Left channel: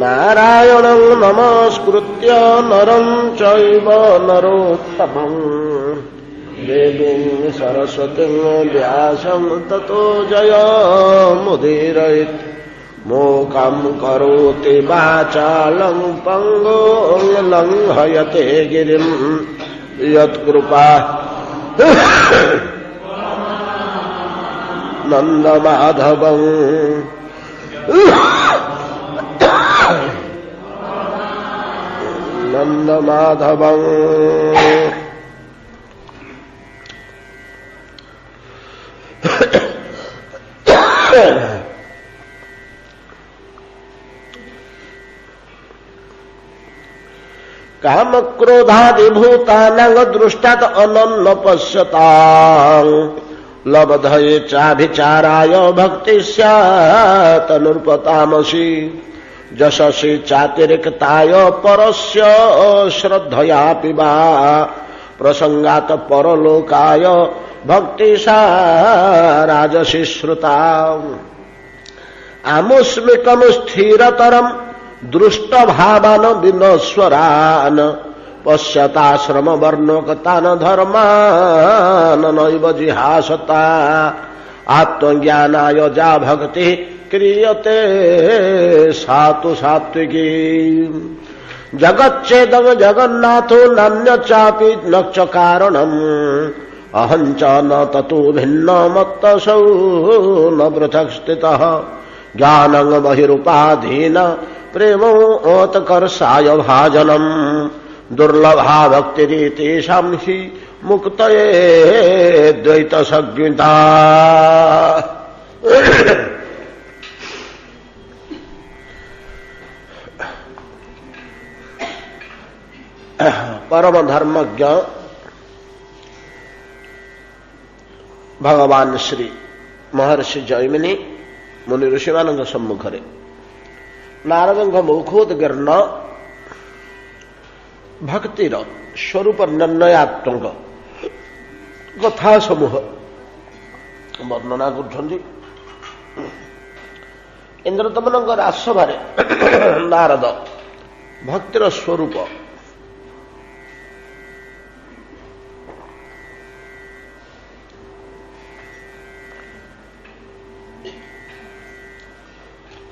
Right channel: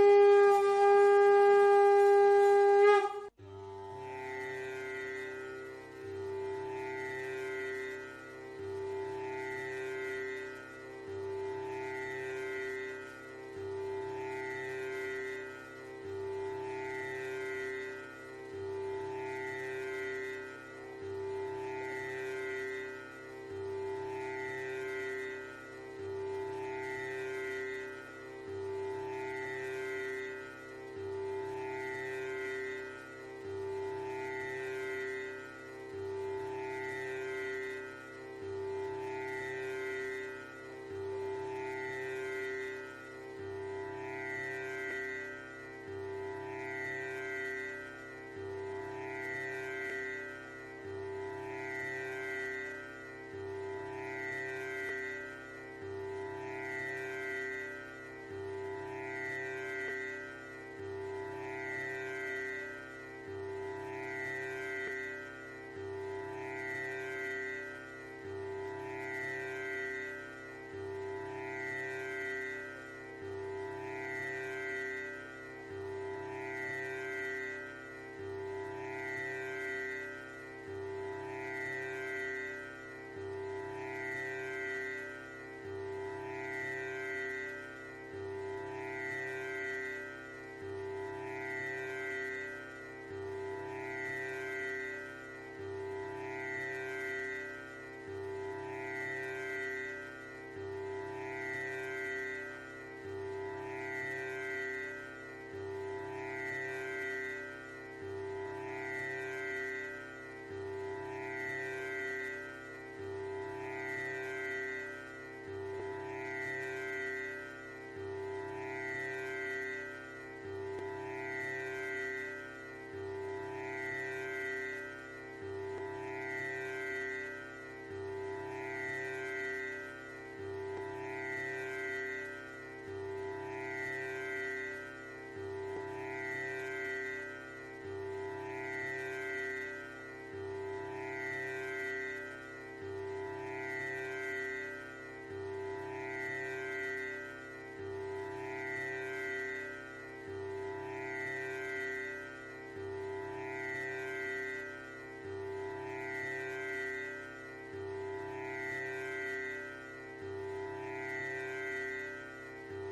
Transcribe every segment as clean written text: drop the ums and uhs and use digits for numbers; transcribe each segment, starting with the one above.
नारायणं नमस्कृत्य नरं चैव नरोत्तमं देवीं सरस्वतीं व्यासं ततो जयमुदीरयेत् मूकं करोति वाचालं पङ्गुं लङ्घयते गिरिं यत्कृपा नन्दमाधवं नन्दमाधवं काम क्रोधादिभूतानां दृष्टात् अनन्न पश्यतां लब्धये चाभिचाराय भक्ति स्यात् नृपतामसि जशसि चातिरिक्ताय परस्य श्रद्धयापि वा प्रसंगात् परलोकाय भक्ति सा राजसी श्रुता आमुष्मिकं स्थिरतरं दृष्टभावान् विनश्वरान् पश्यताश्रम वर्णोक्तान् धर्मान् नैव जिहासता आत्मज्ञानाय जा भक्ति क्रियते सातु सात्विकी जगच्चेदं जगन्नाथो नान्य चापि न च कारणम् अहं च न ततो भिन्न मत्तसौ न पृथक् स्थितः ज्ञानं बहिरुपाधीन प्रेमोत्कर्षाय भाजनम् दुर्लभा भक्तिरीतेषां हि मुक्तये द्वैतसज्ञता परम धर्मज्ञ भगवान श्री महर्षि जैमिनी मुनि ऋषि मान सम्मुखरे नारद मुखोद्गीर्ण भक्तिर स्वरूप निर्णयात्मक कथा समूह वर्णना कर इंद्रदमन राजसभा नारद भक्तिर स्वरूप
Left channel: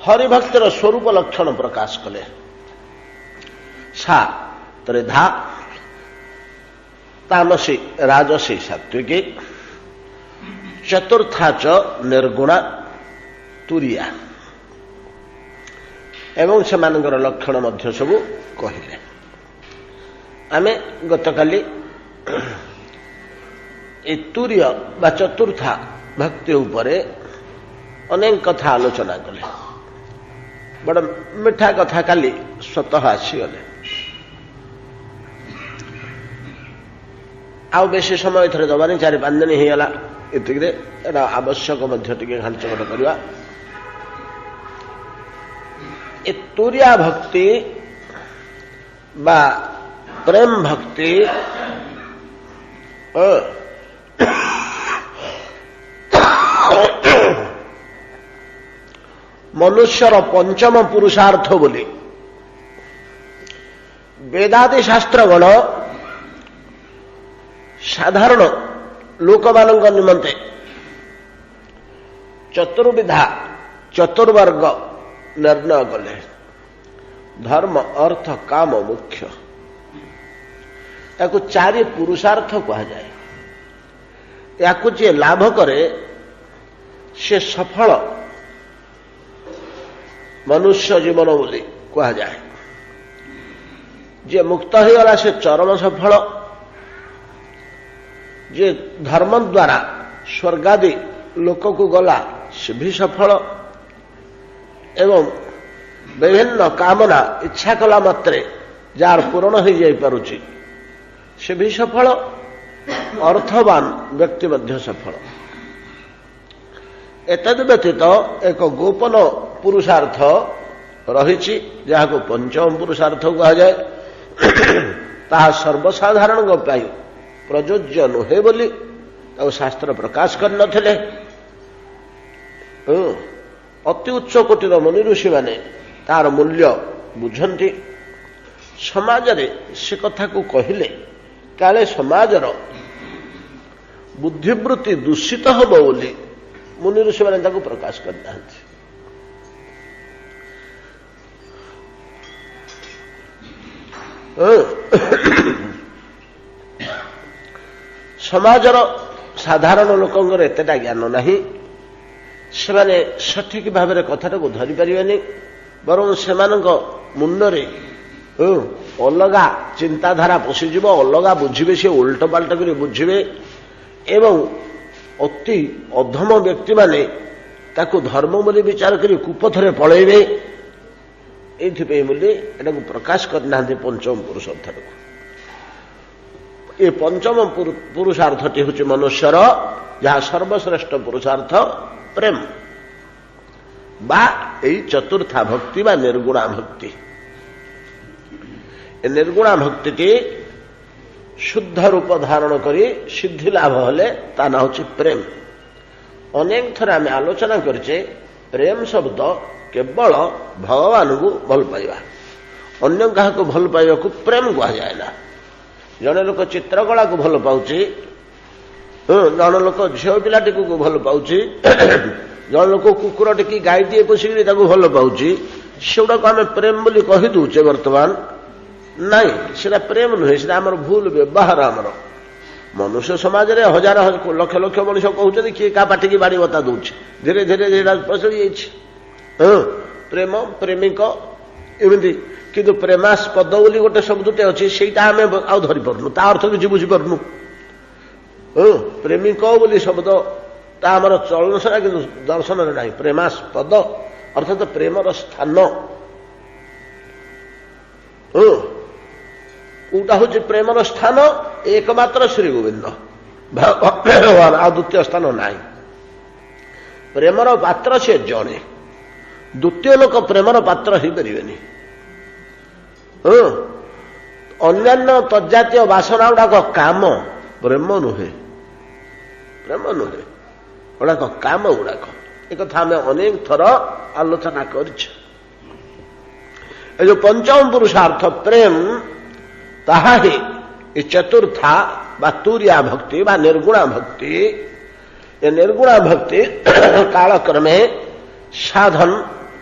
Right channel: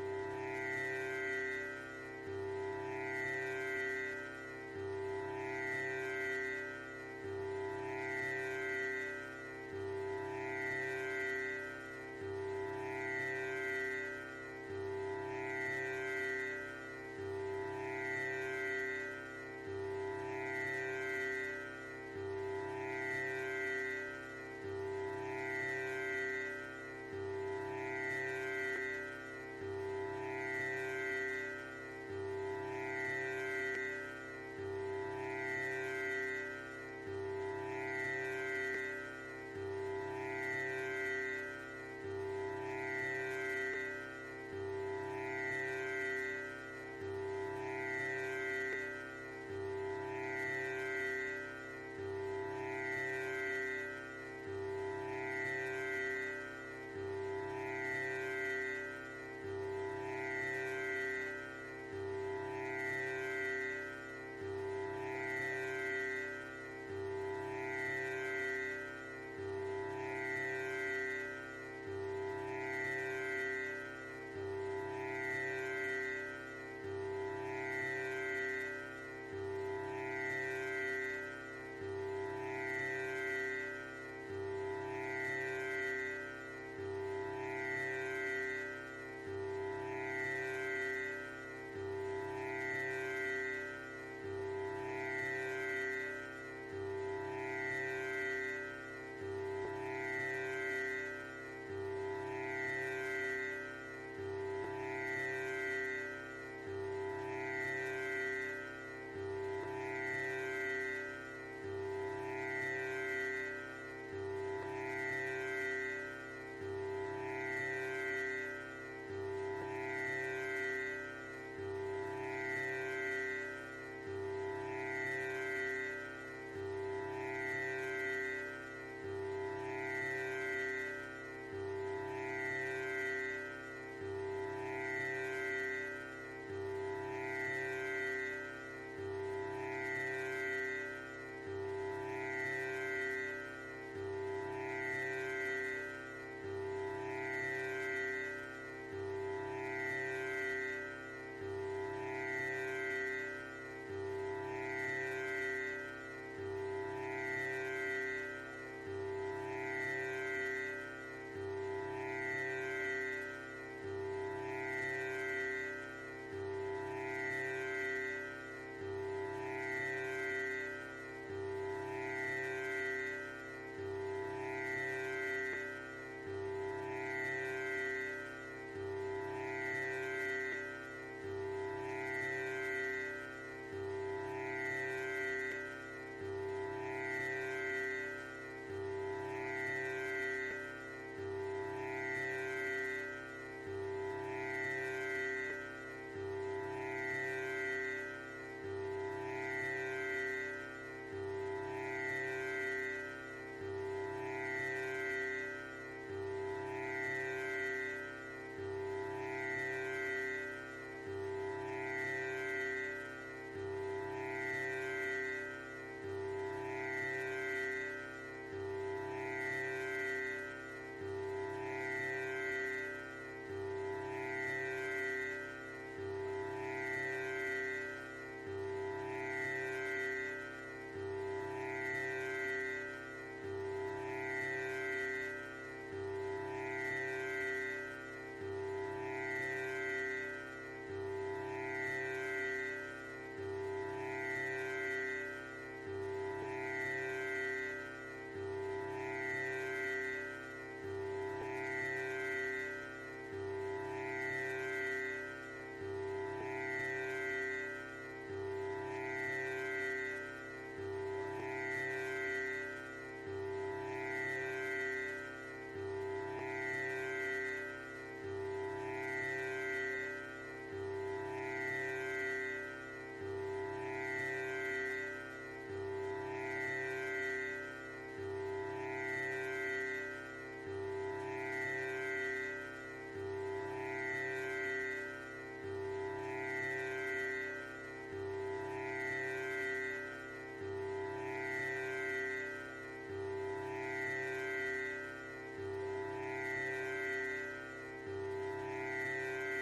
हरिभक्तर स्वरूप लक्षण प्रकाश कले सा त्रिधा तामसी राजसी सात्विकी चतुर्था च निर्गुणा तुरिया एवं से लक्षण मध्य सबू कहले आमे गतकाली तुर्य बा चतुर्था भक्ति उपरे अनेक कथा आलोचना कले बड़ मिठा कथा काली स्वतः आसीगले आउ बेसी समय एथरे दबानी 4-5 दिन ही गला एतिकरे एटा आवश्यक मध्य टिके घांचकट करवा ए तुरिया भक्ति बा प्रेम भक्ति मनुष्यर पंचम पुरुषार्थ बोली वेदादि शास्त्रगण साधारण लोक मान निमंते चतुर्विधा चतुर्वर्ग निर्णय कले धर्म अर्थ काम मुख्य या 4 पुरुषार्थ कहा जाए या जे लाभ करे से सफल मनुष्य जीवन बोली कहा जाए जे मुक्त हो गला से चरम सफल जे धर्म द्वारा स्वर्गादि लोक को गला से भी सफल एवं विभिन्न कामना इच्छा कला मात्रे जार पूरण हो जाई पारुची से भी सफल अर्थवान व्यक्ति मध्य सफल एतद व्यतीत एक गोपन पुरुषार्थ रही जहाँ को पंचम पुरुषार्थ कहा जाए ताहा सर्वसाधारण पाई प्रयोज्य नुहे बोली और शास्त्र प्रकाश कर नथिले ଅତି ଉଚ୍ଚ କୋଟିର ମୁନି ଋଷିମାନେ ତାର ମୂଲ୍ୟ ବୁଝନ୍ତି। ସମାଜରେ ସେ କଥାକୁ କହିଲେ କାଳେ ସମାଜର ବୁଦ୍ଧିବୃତ୍ତି ଦୂଷିତ ହେବ ବୋଲି ମୁନି ଋଷିମାନେ ତାକୁ ପ୍ରକାଶ କରିଥାନ୍ତି। ସମାଜର ସାଧାରଣ ଲୋକଙ୍କର ଏତେଟା ଜ୍ଞାନ ନାହିଁ। ସେମାନେ ସଠିକ ଭାବରେ କଥାଟାକୁ ଧରିପାରିବେନି। ବରଂ ସେମାନଙ୍କ ମୁଣ୍ଡରେ ଅଲଗା ଚିନ୍ତାଧାରା ପଶିଯିବ, ଅଲଗା ବୁଝିବେ, ସେ ଓଲଟ ପାଲଟ କରି ବୁଝିବେ ଏବଂ ଅତି ଅଧମ ବ୍ୟକ୍ତିମାନେ ତାକୁ ଧର୍ମ ବୋଲି ବିଚାର କରି କୁପଥରେ ପଳେଇବେ। ଏଇଥିପାଇଁ ବୋଲି ଏଟାକୁ ପ୍ରକାଶ କରିନାହାନ୍ତି ପଞ୍ଚମ ପୁରୁଷାର୍ଥକୁ। ଏ ପଞ୍ଚମ ପୁରୁଷାର୍ଥଟି ହେଉଛି ମନୁଷ୍ୟର ଯାହା ସର୍ବଶ୍ରେଷ୍ଠ ପୁରୁଷାର୍ଥ ପ୍ରେମ ବା ଏଇ ଚତୁର୍ଥା ଭକ୍ତି ବା ନିର୍ଗୁଣା ଭକ୍ତି। ଏ ନିର୍ଗୁଣା ଭକ୍ତିଟି ଶୁଦ୍ଧ ରୂପ ଧାରଣ କରି ସିଦ୍ଧି ଲାଭ ହେଲେ ତା ନାଁ ହେଉଛି ପ୍ରେମ। ଅନେକ ଥର ଆମେ ଆଲୋଚନା କରିଛେ ପ୍ରେମ ଶବ୍ଦ କେବଳ ଭଗବାନଙ୍କୁ ଭଲ ପାଇବା, ଅନ୍ୟ କାହାକୁ ଭଲ ପାଇବାକୁ ପ୍ରେମ କୁହାଯାଏ ନା। ଜଣେ ଲୋକ ଚିତ୍ରକଳାକୁ ଭଲ ପାଉଛି, ଜଣେ ଲୋକ ଝିଅ ପିଲାଟିକୁ ଭଲ ପାଉଛି, ଜଣେ ଲୋକ କୁକୁର ଟିକି ଗାଈଟିଏ ପୋଷିକିରି ତାକୁ ଭଲ ପାଉଛି, ସେଗୁଡାକୁ ଆମେ ପ୍ରେମ ବୋଲି କହିଦେଉଛେ ବର୍ତ୍ତମାନ। ନାଇଁ, ସେଟା ପ୍ରେମ ନୁହେଁ, ସେଟା ଆମର ଭୁଲ ବ୍ୟବହାର। ଆମର ମନୁଷ୍ୟ ସମାଜରେ ହଜାର ଲକ୍ଷ ଲକ୍ଷ ମଣିଷ କହୁଛନ୍ତି, କିଏ କାହା ପାଟିକି ବାଡ଼ି ବତା ଦଉଛି। ଧୀରେ ଧୀରେ ସେଇଟା ପ୍ରଚଳି ଯାଇଛି। ପ୍ରେମ, ପ୍ରେମିକ ଏମିତି। କିନ୍ତୁ ପ୍ରେମାସ୍ପଦ ବୋଲି ଗୋଟେ ଶବ୍ଦଟେ ଅଛି, ସେଇଟା ଆମେ ଆଉ ଧରିପାରୁନୁ, ତା ଅର୍ଥ କିଛି ବୁଝିପାରୁନୁ। ପ୍ରେମିକ ବୋଲି ଶବ୍ଦ ତା ଆମର ଚଳନ ସେଟା, କିନ୍ତୁ ଦର୍ଶନରେ ନାହିଁ। ପ୍ରେମାସ୍ପଦ ଅର୍ଥାତ୍ ପ୍ରେମର ସ୍ଥାନ। କୋଉଟା ହଉଛି ପ୍ରେମର ସ୍ଥାନ? ଏକମାତ୍ର ଶ୍ରୀ ଗୋବିନ୍ଦ ଭଗବାନ, ଆଉ ଦ୍ୱିତୀୟ ସ୍ଥାନ ନାହିଁ। ପ୍ରେମର ପାତ୍ର ସେ ଜଣେ, ଦ୍ୱିତୀୟ ଲୋକ ପ୍ରେମର ପାତ୍ର ହେଇପାରିବେନି। ଅନ୍ୟାନ୍ୟ ତଜାତୀୟ ବାସନା ଗୁଡାକ କାମ, ପ୍ରେମ ନୁହେଁ। ପ୍ରେମ ନୁହେଁ, ଗୁଡାକ କାମ ଗୁଡାକ। ଏକଥା ଆମେ ଅନେକ ଥର ଆଲୋଚନା କରିଛୁ। ଏ ଯୋଉ ପଞ୍ଚମ ପୁରୁଷାର୍ଥ ପ୍ରେମ, ତାହା ହିଁ ଏ ଚତୁର୍ଥା ବା ତୁରିଆ ଭକ୍ତି ବା ନିର୍ଗୁଣା ଭକ୍ତି। ଏ ନିର୍ଗୁଣା ଭକ୍ତି କାଳକ୍ରମେ ସାଧନ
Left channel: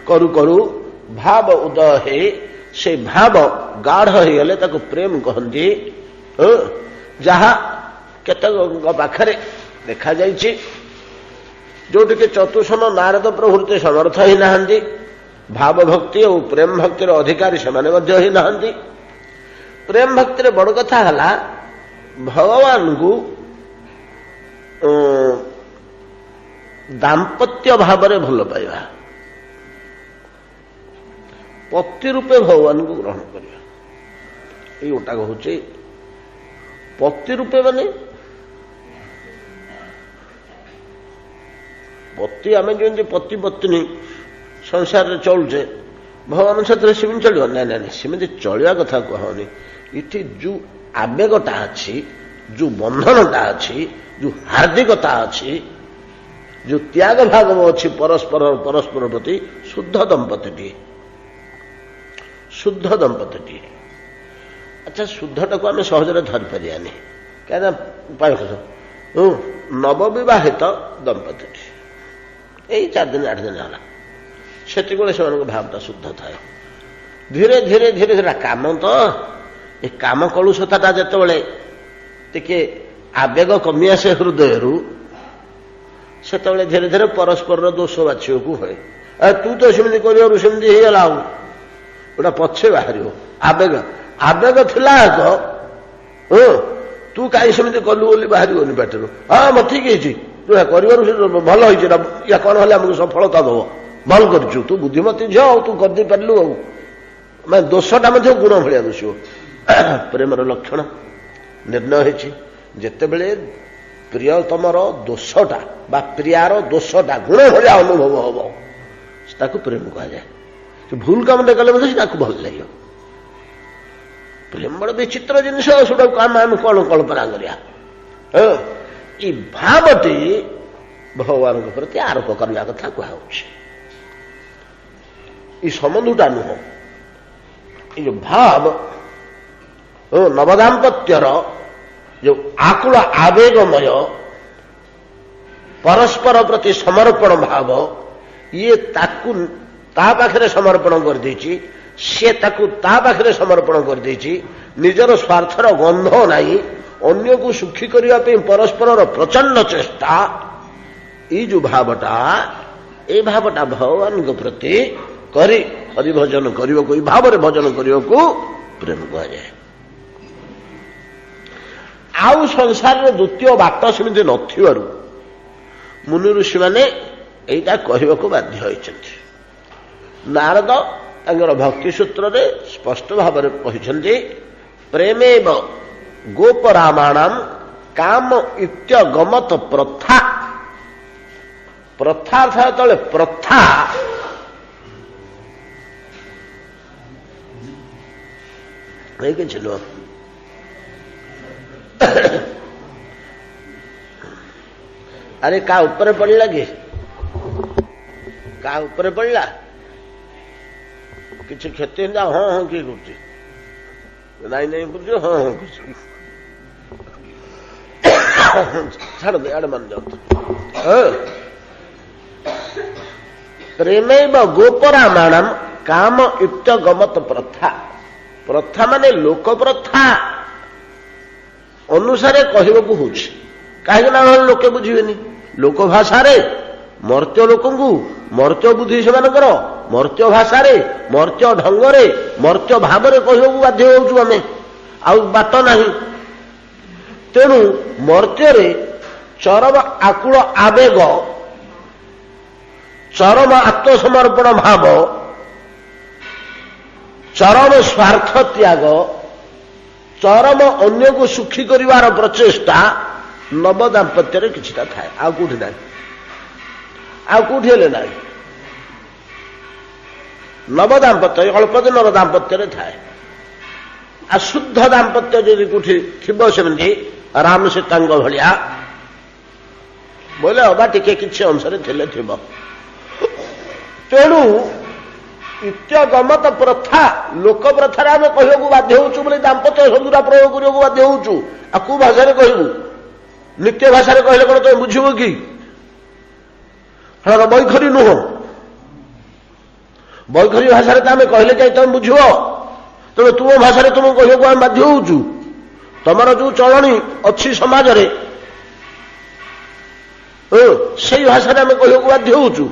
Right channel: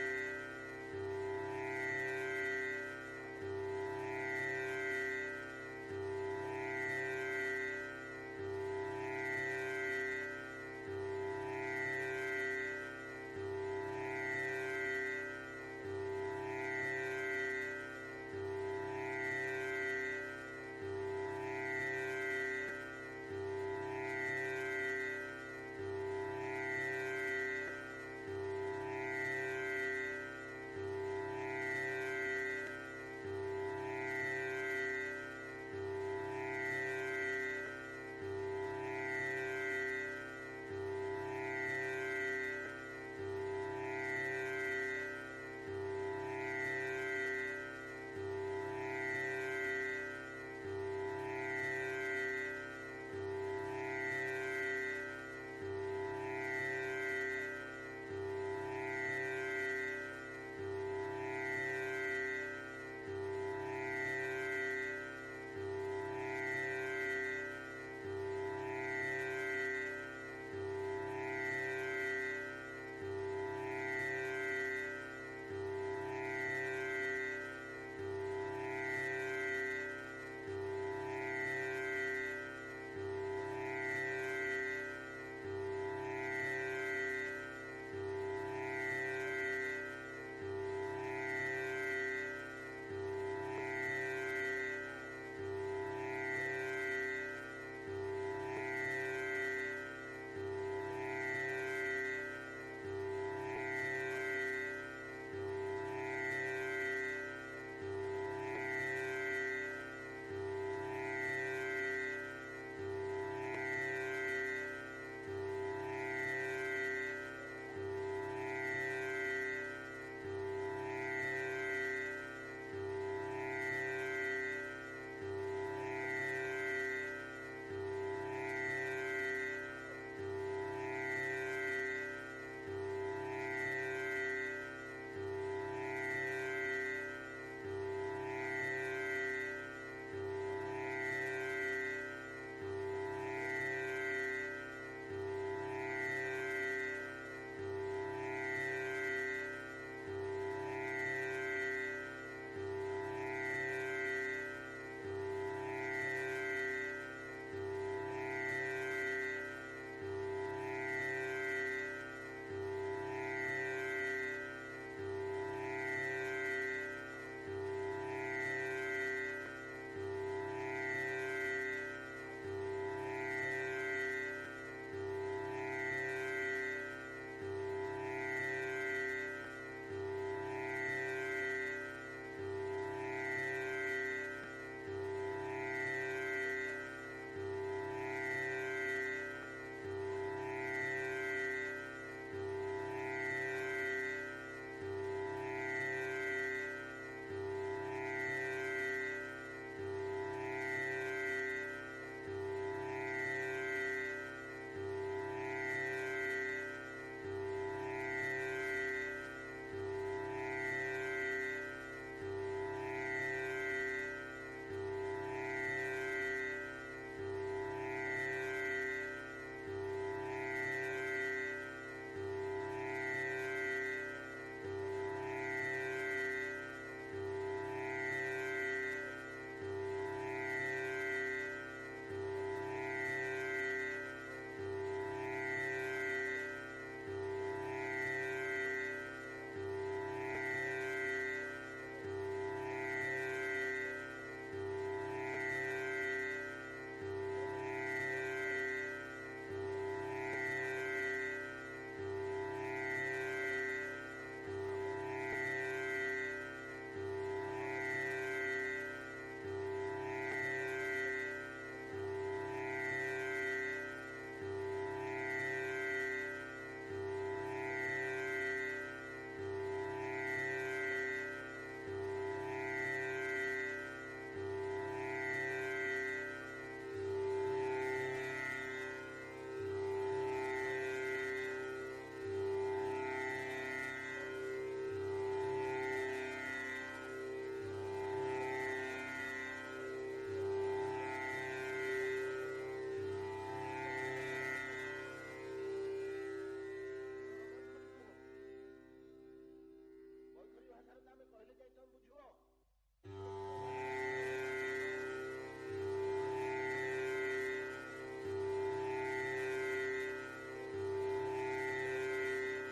କରୁ କରୁ ଭାବ ଉଦୟ ହେଇ ସେ ଭାବ ଗାଢ ହେଇଗଲେ ତାକୁ ପ୍ରେମ କହନ୍ତି। ଯାହା କେତେକ ପାଖରେ ଦେଖାଯାଇଛି, ଯୋଉଠିକି ଚତୁଷଣ ନାରଦ ପ୍ରଭୃତି ସମର୍ଥ ହେଇନାହାନ୍ତି, ଭାବ ଭକ୍ତି ଓ ପ୍ରେମ ଭକ୍ତିର ଅଧିକାରୀ ସେମାନେ ମଧ୍ୟ ହେଇନାହାନ୍ତି। ପ୍ରେମ ଭକ୍ତିରେ ବଡ଼ କଥା ହେଲା ଭଗବାନଙ୍କୁ ଦାମ୍ପତ୍ୟ ଭାବରେ ଭଲ ପାଇବା, ପତି ରୂପେ ଭଗବାନଙ୍କୁ ଗ୍ରହଣ କରିବା। ଏଇ ଗୋଟାକ ହଉଛି ପତି ରୂପେ। ମାନେ ପତି, ଆମେ ଯେମିତି ପତି ପତ୍ନୀ ସଂସାରରେ ଚଳୁଛେ, ଭଗବାନ ସେଥିରେ ସେମିତି ଚଳିବ? ନାଇଁ ନାଇଁ, ସେମିତି ଚଳିବା କଥା କୁହନି। ଏଠି ଯୋଉ ଆବେଗଟା ଅଛି, ଯୋଉ ବନ୍ଧନଟା ଅଛି, ଯୋଉ ହାର୍ଦ୍ଦିକତା ଅଛି, ଯୋଉ ତ୍ୟାଗ ଭାଗ ଅଛି ପରସ୍ପର ପ୍ରତି, ଶୁଦ୍ଧ ଦମ୍ପତିଟିଏ, ଶୁଦ୍ଧ ଦମ୍ପତିଟିଏ। ଆଚ୍ଛା, ଶୁଦ୍ଧଟାକୁ ଆମେ ସହଜରେ ଧରିପାରିବାନି, କାହିଁକିନା ଉପାୟ ନବବିବାହିତ ଦମ୍ପତିଟି ଏଇ 4 ଦିନ 8 ଦିନ ହେଲା, ସେତିକିବେଳେ ସେମାନଙ୍କ ଭାବଟା ଶୁଦ୍ଧ ଥାଏ। ଧୀରେ ଧୀରେ ଧୀରେ ଧୀରେ କାମ ତ, ଏ କାମ କଳୁଷତାଟା ଯେତେବେଳେ ଟିକେ ଆବେଗ କମି ଆସେ ହୃଦୟରୁ, ସେତେବେଳେ ଧୀରେ ଧୀରେ ପରସ୍ପରର ଦୋଷ ବାଛିବାକୁ ହୁଏ। ତୁ ତ ସେମିତି କରିବାରୁ ସେମିତି ହେଇଗଲା, ଆଉ ଗୋଟା ପଛେ ବାହାରିବ। ଆବେଗ ଥିଲା ଏକ, ତୁ କାହିଁ ସେମିତି କଲୁ ବୋଲି ବାହାରିବନି ପାଟିରୁ। ହଁ ମୁଁ ଠିକ ହେଇଛି, ତୁ କରିବାରୁ ଭଲ ହେଇଛି, ୟା କଣ ହେଲେ ଆମକୁ ସଫଳତା ଦବ, ଭଲ କରିଛୁ, ତୁ ବୁଦ୍ଧିମତୀ ଝିଅ, ଆଉ ତୁ କରିଦେଇ ପାରିଲୁ। ଆଉ ମାନେ ଦୋଷଟା ମଧ୍ୟ ଗୁଣ ଭଳିଆ ଦୋଷିବ। ପ୍ରେମର ଲକ୍ଷଣ ନିର୍ଣ୍ଣୟ ହେଇଛି, ଯେତେବେଳେ ପ୍ରିୟତମର ଦୋଷଟା ବା ପ୍ରିୟାର ଦୋଷଟା ଗୁଣ ଭଳିଆ ଅନୁଭବ ହବ, ତାକୁ ପ୍ରେମ କୁହାଯାଏ। ଭୁଲ କାମଟେ କଲେ ମଧ୍ୟ ତାକୁ ଭଲ ଲାଗିବ। ପ୍ରେମ ବଡ଼ ବିଚିତ୍ର ଜିନିଷ, ସେଟାକୁ ଆମେ କଣ କଳ୍ପନା କରିବା। ଏଇ ଭାବଟି ଭଗବାନଙ୍କ ପ୍ରତି ଆରୋପ କରିବା କଥା କୁହାଯାଉଛି। ये संबंधटा नुह ये भाव नवदाम्पत्यर जो आकुल आवेगमय परस्पर प्रति समर्पण भाव ये ताकू ता पाखरे समर्पण कर देछि से ताकू ता पाखरे समर्पण कर देछि निजर स्वार्थर गंध नहीं अन्य को सुखी करने परस्पर प्रचंड चेष्टा ये जो भावटा ए भावटा भगवान के प्रति करी हरिभजन करने को भाव भजन करने को प्रेम कहे आउ संसार द्वितीय बाट सेमती नथिबारु मुनि ऋषि मैंने यहीटा कहने को बाध्य होइछन्ति नारद तांकर भक्ति सूत्र रे स्पष्ट भाव में कहते प्रेमेव गोपरामाणाम काम इत्यगमत प्रथा प्रथा अर्थात तले प्रथा किसी अरे का ऊपर पड़ला कि का ऊपर पड़ला किसी क्षति हाँ हाँ किए करुच्ची नहीं नहीं कुछ हाँ हाँ कुछ छाड़ दे आड़ मन जाओ प्रेमेव गोपरामाणम काम इत्यगमत प्रथा प्रथा माने लोक प्रथा अनुसारे कहवाक हूँ कहीं लोके बुझेनि लोक भाषा मर्त्य लोक मर्त्य बुद्धि से मर्त्य भाषा मर्त्य ढंगरे मर्त्य भाव कहवाक बाध्य होचु आमे आउ बाट नहीं तेणु मर्त्य चरम आकुल आवेग चरम आत्मसमर्पण भाव चरम स्वार्थ त्याग चरम अन्य को सुखी करिवार प्रचेष्टा नव दाम्पत्य किछिटा थाए आ कोठी नाही आ कोठी हेले नाही नव दाम्पत्य अल्प दिन नव दाम्पत्य थाए आ शुद्ध दाम्पत्य यदि कोठी थिबो सेमती राम सीतांग भलिया बोले अबा टिके किछि अंशरे थिले थिबो तेणु इत्यगमत प्रथा लोक प्रथा आम कहू बाध्य होचु बोले दाम्पत्य शब्दटा प्रयोग करने बाध्य होचु आ कौ भाषा कहबू नित्य भाषा कहले कौन तुम बुझब कि बैखरी नुह बैखरी भाषा आम कहले जाए तुम बुझ तेणु तुम भाषा तुम कहू आम बाध्य होचु तुमर जो चलनी अच्छी समाज से भाषा आम कहू बाध्य होचु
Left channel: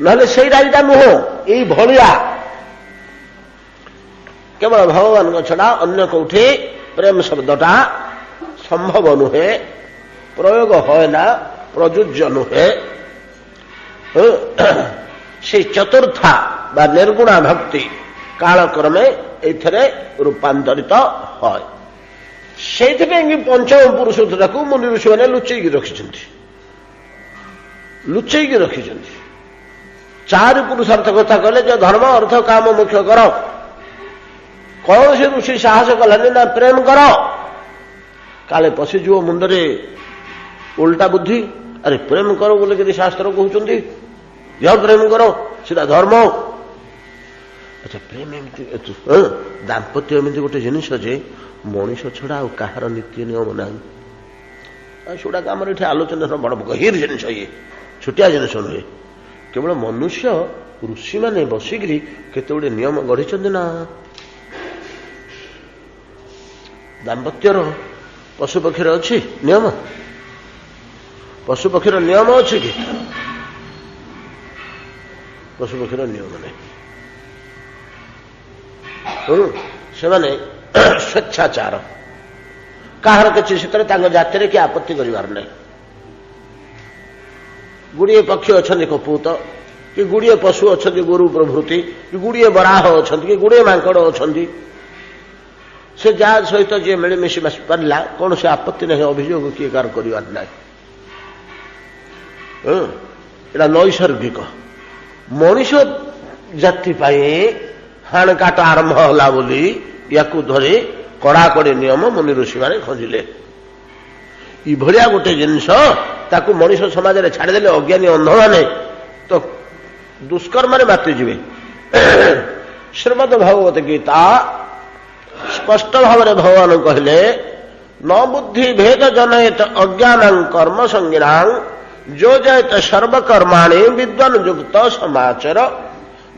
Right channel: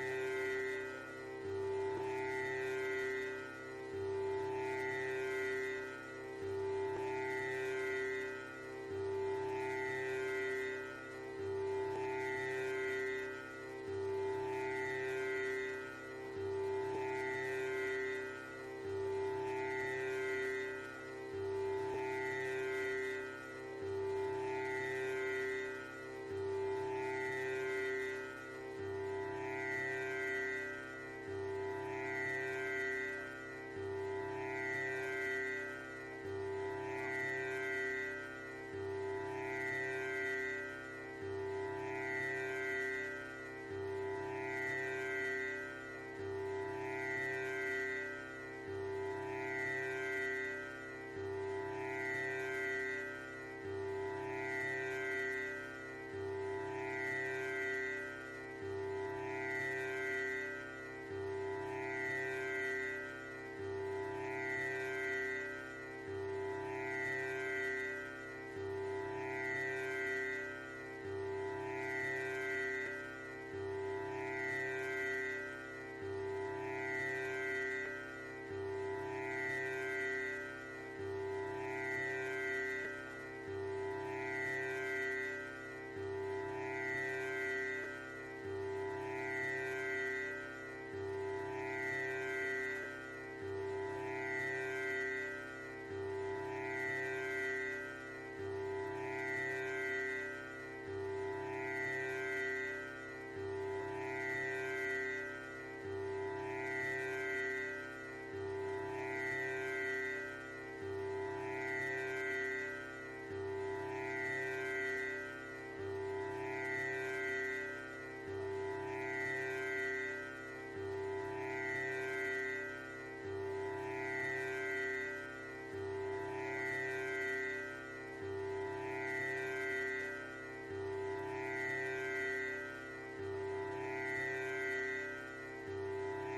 नहले से राइटा नुह यही भलिया केवल भगवान छड़ा अन्य कौटे प्रेम शब्दटा संभव नुहे प्रयोग है ना प्रयोज्य नुहे से चतुर्था बा निर्गुणा भक्ति कालक्रमे एथरे रूपांतरित है से पंचम पुरुष को मुनि ऋषि मैंने लुचेकी रखिछन्ति लुचेकी रखिछन्ति चारि पुरुषार्थ कथा कहले जो धर्म अर्थ काम मुख्य कर कौन से ऋषि साहस कलानी ना प्रेम कर काले पशिजो मुंडरे उल्टा बुद्धि अरे प्रेम करो बोले कि शास्त्र कहते यह प्रेम करो सीधा धर्म अच्छा प्रेम एमती दाम्पत्य एमती गोटे जिनिस जे मनीष छड़ा कहार नीति नियम ना सेटा आम ये आलोचना बड़ गहीर जिनिस ये छोटिया जिनिस नुहे केवल मनुष्य ऋषि मैंने बसिकी केते गुड़े नियम गढ़ी ना दाम्पत्यर पशुपक्षी अच्छी नियम पशुपक्षी नियम अच्छी कि पशुपक्षी नियम नहीं से स्वेच्छाचार कहार किसी क्षेत्र जाति कि आपत्ति करार नहीं गुड़िए पक्षी अच्छा कपूत कि गुड़िए पशु अच्छा गोरु प्रभृति कि गुड़िए बराह अच्छा कि गुड़िए मांकड़ अच्छा से जहाँ सहित जी मिलमिशी पारा कौन से आपत्ति नहीं अभियोग किए कार कर नैसर्गिक मनीष जाति हाणकाट आरंभ होला बोली या धरी कड़ाकड़ी नियम मुनि ऋषि मैंने खोजिले गोटे जिनस ताकू मनीष समाज में छाड़देले अज्ञानी अंध मैंने तो दुष्कर्म मातिजे। श्रीमद भगवत गीता स्पष्ट भाव में भगवान कहले न बुद्धि भेद जनयत अज्ञान कर्म संज्ञा जो जयत सर्वकर्माणी विद्वान युक्त समाचार।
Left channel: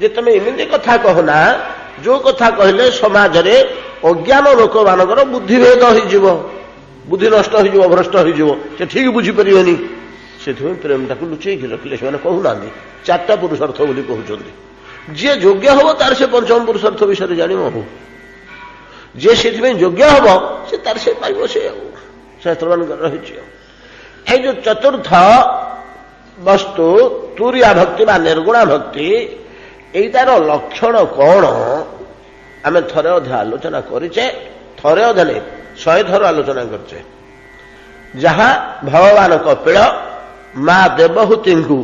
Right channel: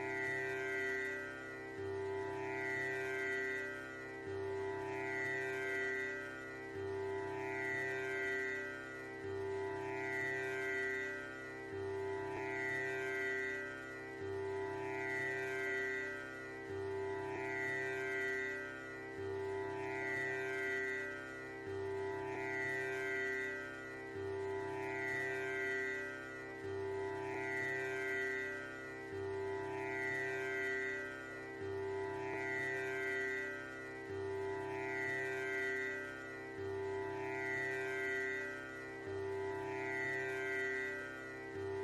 जे तुम एमती कथा कहना जो कथा कहले समाज रे अज्ञान लोक मानकर बुद्धि भेद हो बुद्धि नष्ट हो भ्रष्ट हो ठीक बुझीपारे से प्रेमटा को लुचेक रखिले से कहूना चार्टा पुरुषार्थ बोली कहते जी योग्य हम तार से पंचम पुरुषार्थ विषय जान हो जे से योग्य हम से तार से पाइब से शास्त्र मान रही जो चतुर्थ वस्तु तुरिया भक्ति बा निर्गुणा भक्ति एटार लक्षण कौन आम थरे अधे आलोचना करें थरे अधे नहीं 100 थर आलोचना करचे जहाँ भगवान कपिल माँ देवहूति को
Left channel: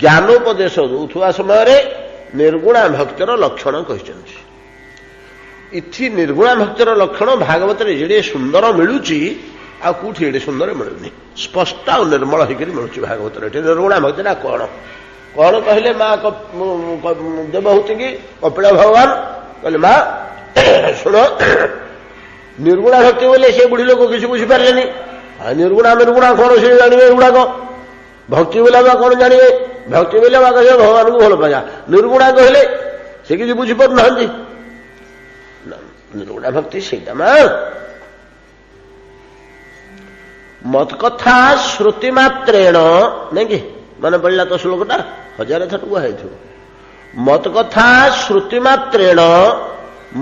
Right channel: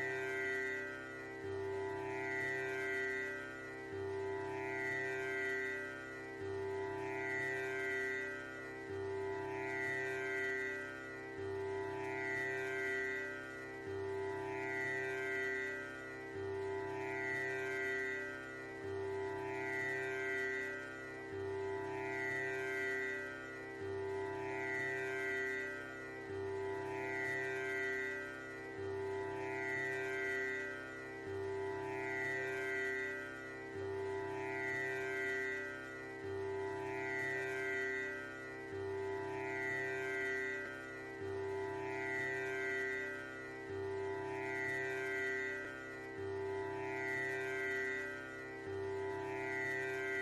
ज्ञानोपदेश दौथुवा समय निर्गुणा भक्तिर लक्षण कहते। इथि निर्गुणा भक्तिर लक्षण भागवत जे सुंदर मिलूची आउठी एडे सुंदर मिलूनी स्पष्ट आ निर्मल होकर मिलूँ भागवत निर्गुणा भक्तिटा कौन कौन कहले माँ देवहूति की कपिल भगवान कहले माँ शुण निर्गुणा भक्ति बोले से बुढ़ी लोग किसी बुझीपारे निर्गुणा निर्गुणा कौन से जानवे एगुड़ाक भक्ति बोला कौन जानवे भक्ति बोले कहे भगवान को भल पाया निर्गुणा कहले से किसी बुझीपार ना निर्गुणा भक्ति से मत कथा श्रुति मात्रेण नहीं कि मन पड़ा तो श्लोकटा 1000 थर कहुई मत कथा श्रुति मात्रेण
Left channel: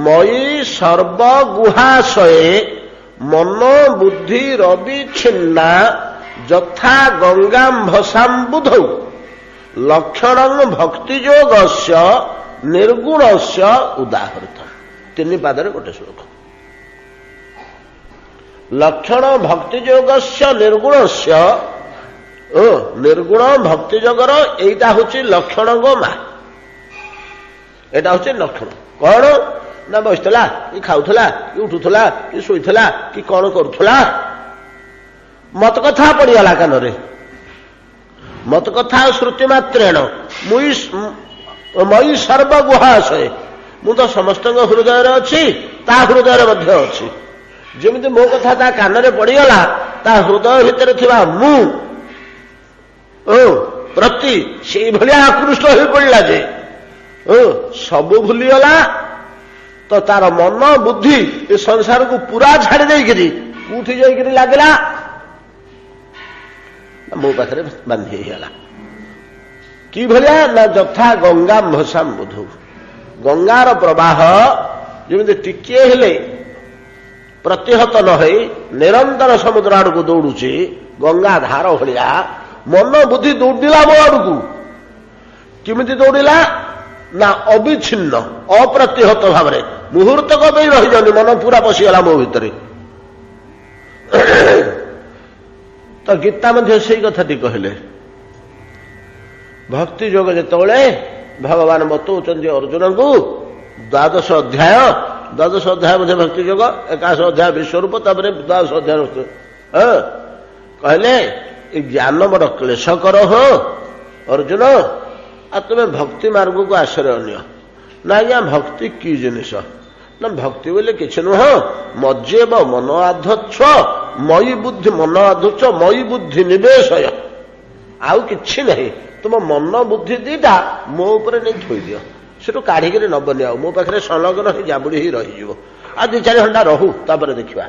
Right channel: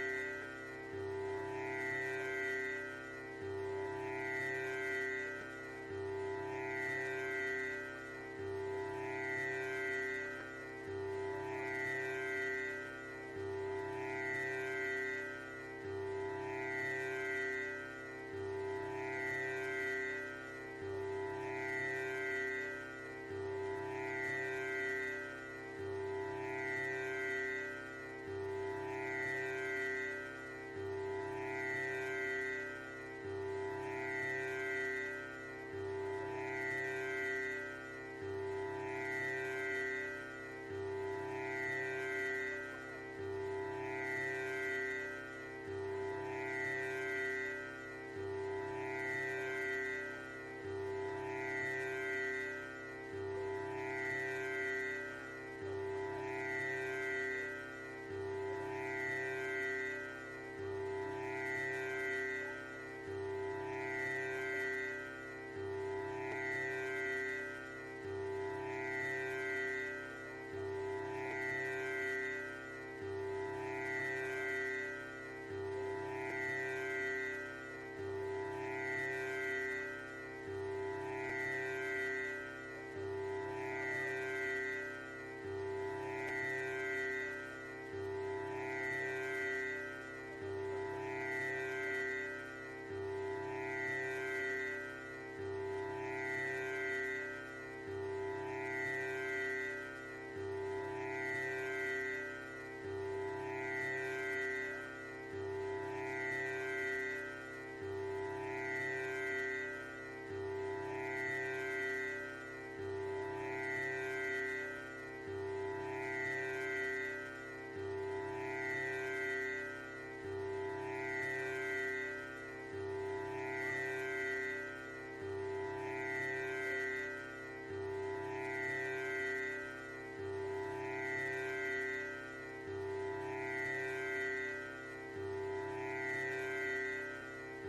मयि सर्वगुहाशये मनो बुद्धि रविच्छिन्ना यथा गंगाम्भसाम्बुध लक्षण भक्तियोगस्य निर्गुणस्य उदाहृत 3 पादरे गोटे श्लोक लक्षण भक्तियोगस्य निर्गुणस्य निर्गुण भक्तियोगर एटा हूँ लक्षण गो माँ एटा हूँ लक्षण कौन ना बसला कि खाऊला कि उठुला कि शोला कि कौन करुला मत कथा पड़गला कान मत कथा श्रुति मात्रेण मई सर्वगुहाशय मु तो समस्त हृदय अच्छी ता हृदय अच्छी जमी मो कथा ता कान पड़गला ता हृदय भितर थिबा मु प्रति से भाया आकृष्ट हो पड़ा जे सबू भूलीगला तो तार मन बुद्धि ए संसार को पूरा छाड़ी देकरी उठी जाकरी लगला मो पाखे बांधी गला कि भाया ना यथा गंगा भसाम बुधु गंगार प्रवाह जमी टिके हेले प्रतिहत न हो निरंतर समुद्र आड़ को दौड़ुची गंगा धार भाया मन बुद्धि दौड़ला मो आड़ को किमिति दौड़ला ना अविच्छिन्न अप्रतिहत भाव में मुहूर्तक रही जानी मन पूरा पशिगला मो भितर तो गीता मध्य से कथाटी कहले भक्ति योग जिते भगवान बतौन अर्जुन को 12 अध्याय मध्य भक्ति योग 21 अध्याय विश्वरूप 12 अध्याय कहले ज्ञान बड़ क्लेशकर हो अर्जुन आ तुम्हें भक्ति मार्ग को आश्रय नियो ना आज्ञा भक्ति की जिनिस ना भक्ति बोले किसी नुह मज्जेव मन आध्वत्स मई बुद्धि मन आध्वत्स मई बुद्धि निवेशय आउ कि नहीं तुम मन बुद्धि दीटा मो उपर नहीं थोई दियो से काढ़िक नबनी आ मो पाखे संलग्न ही जाबुड़ी ही रही आ 2-4 घंटा रहू तापर देखा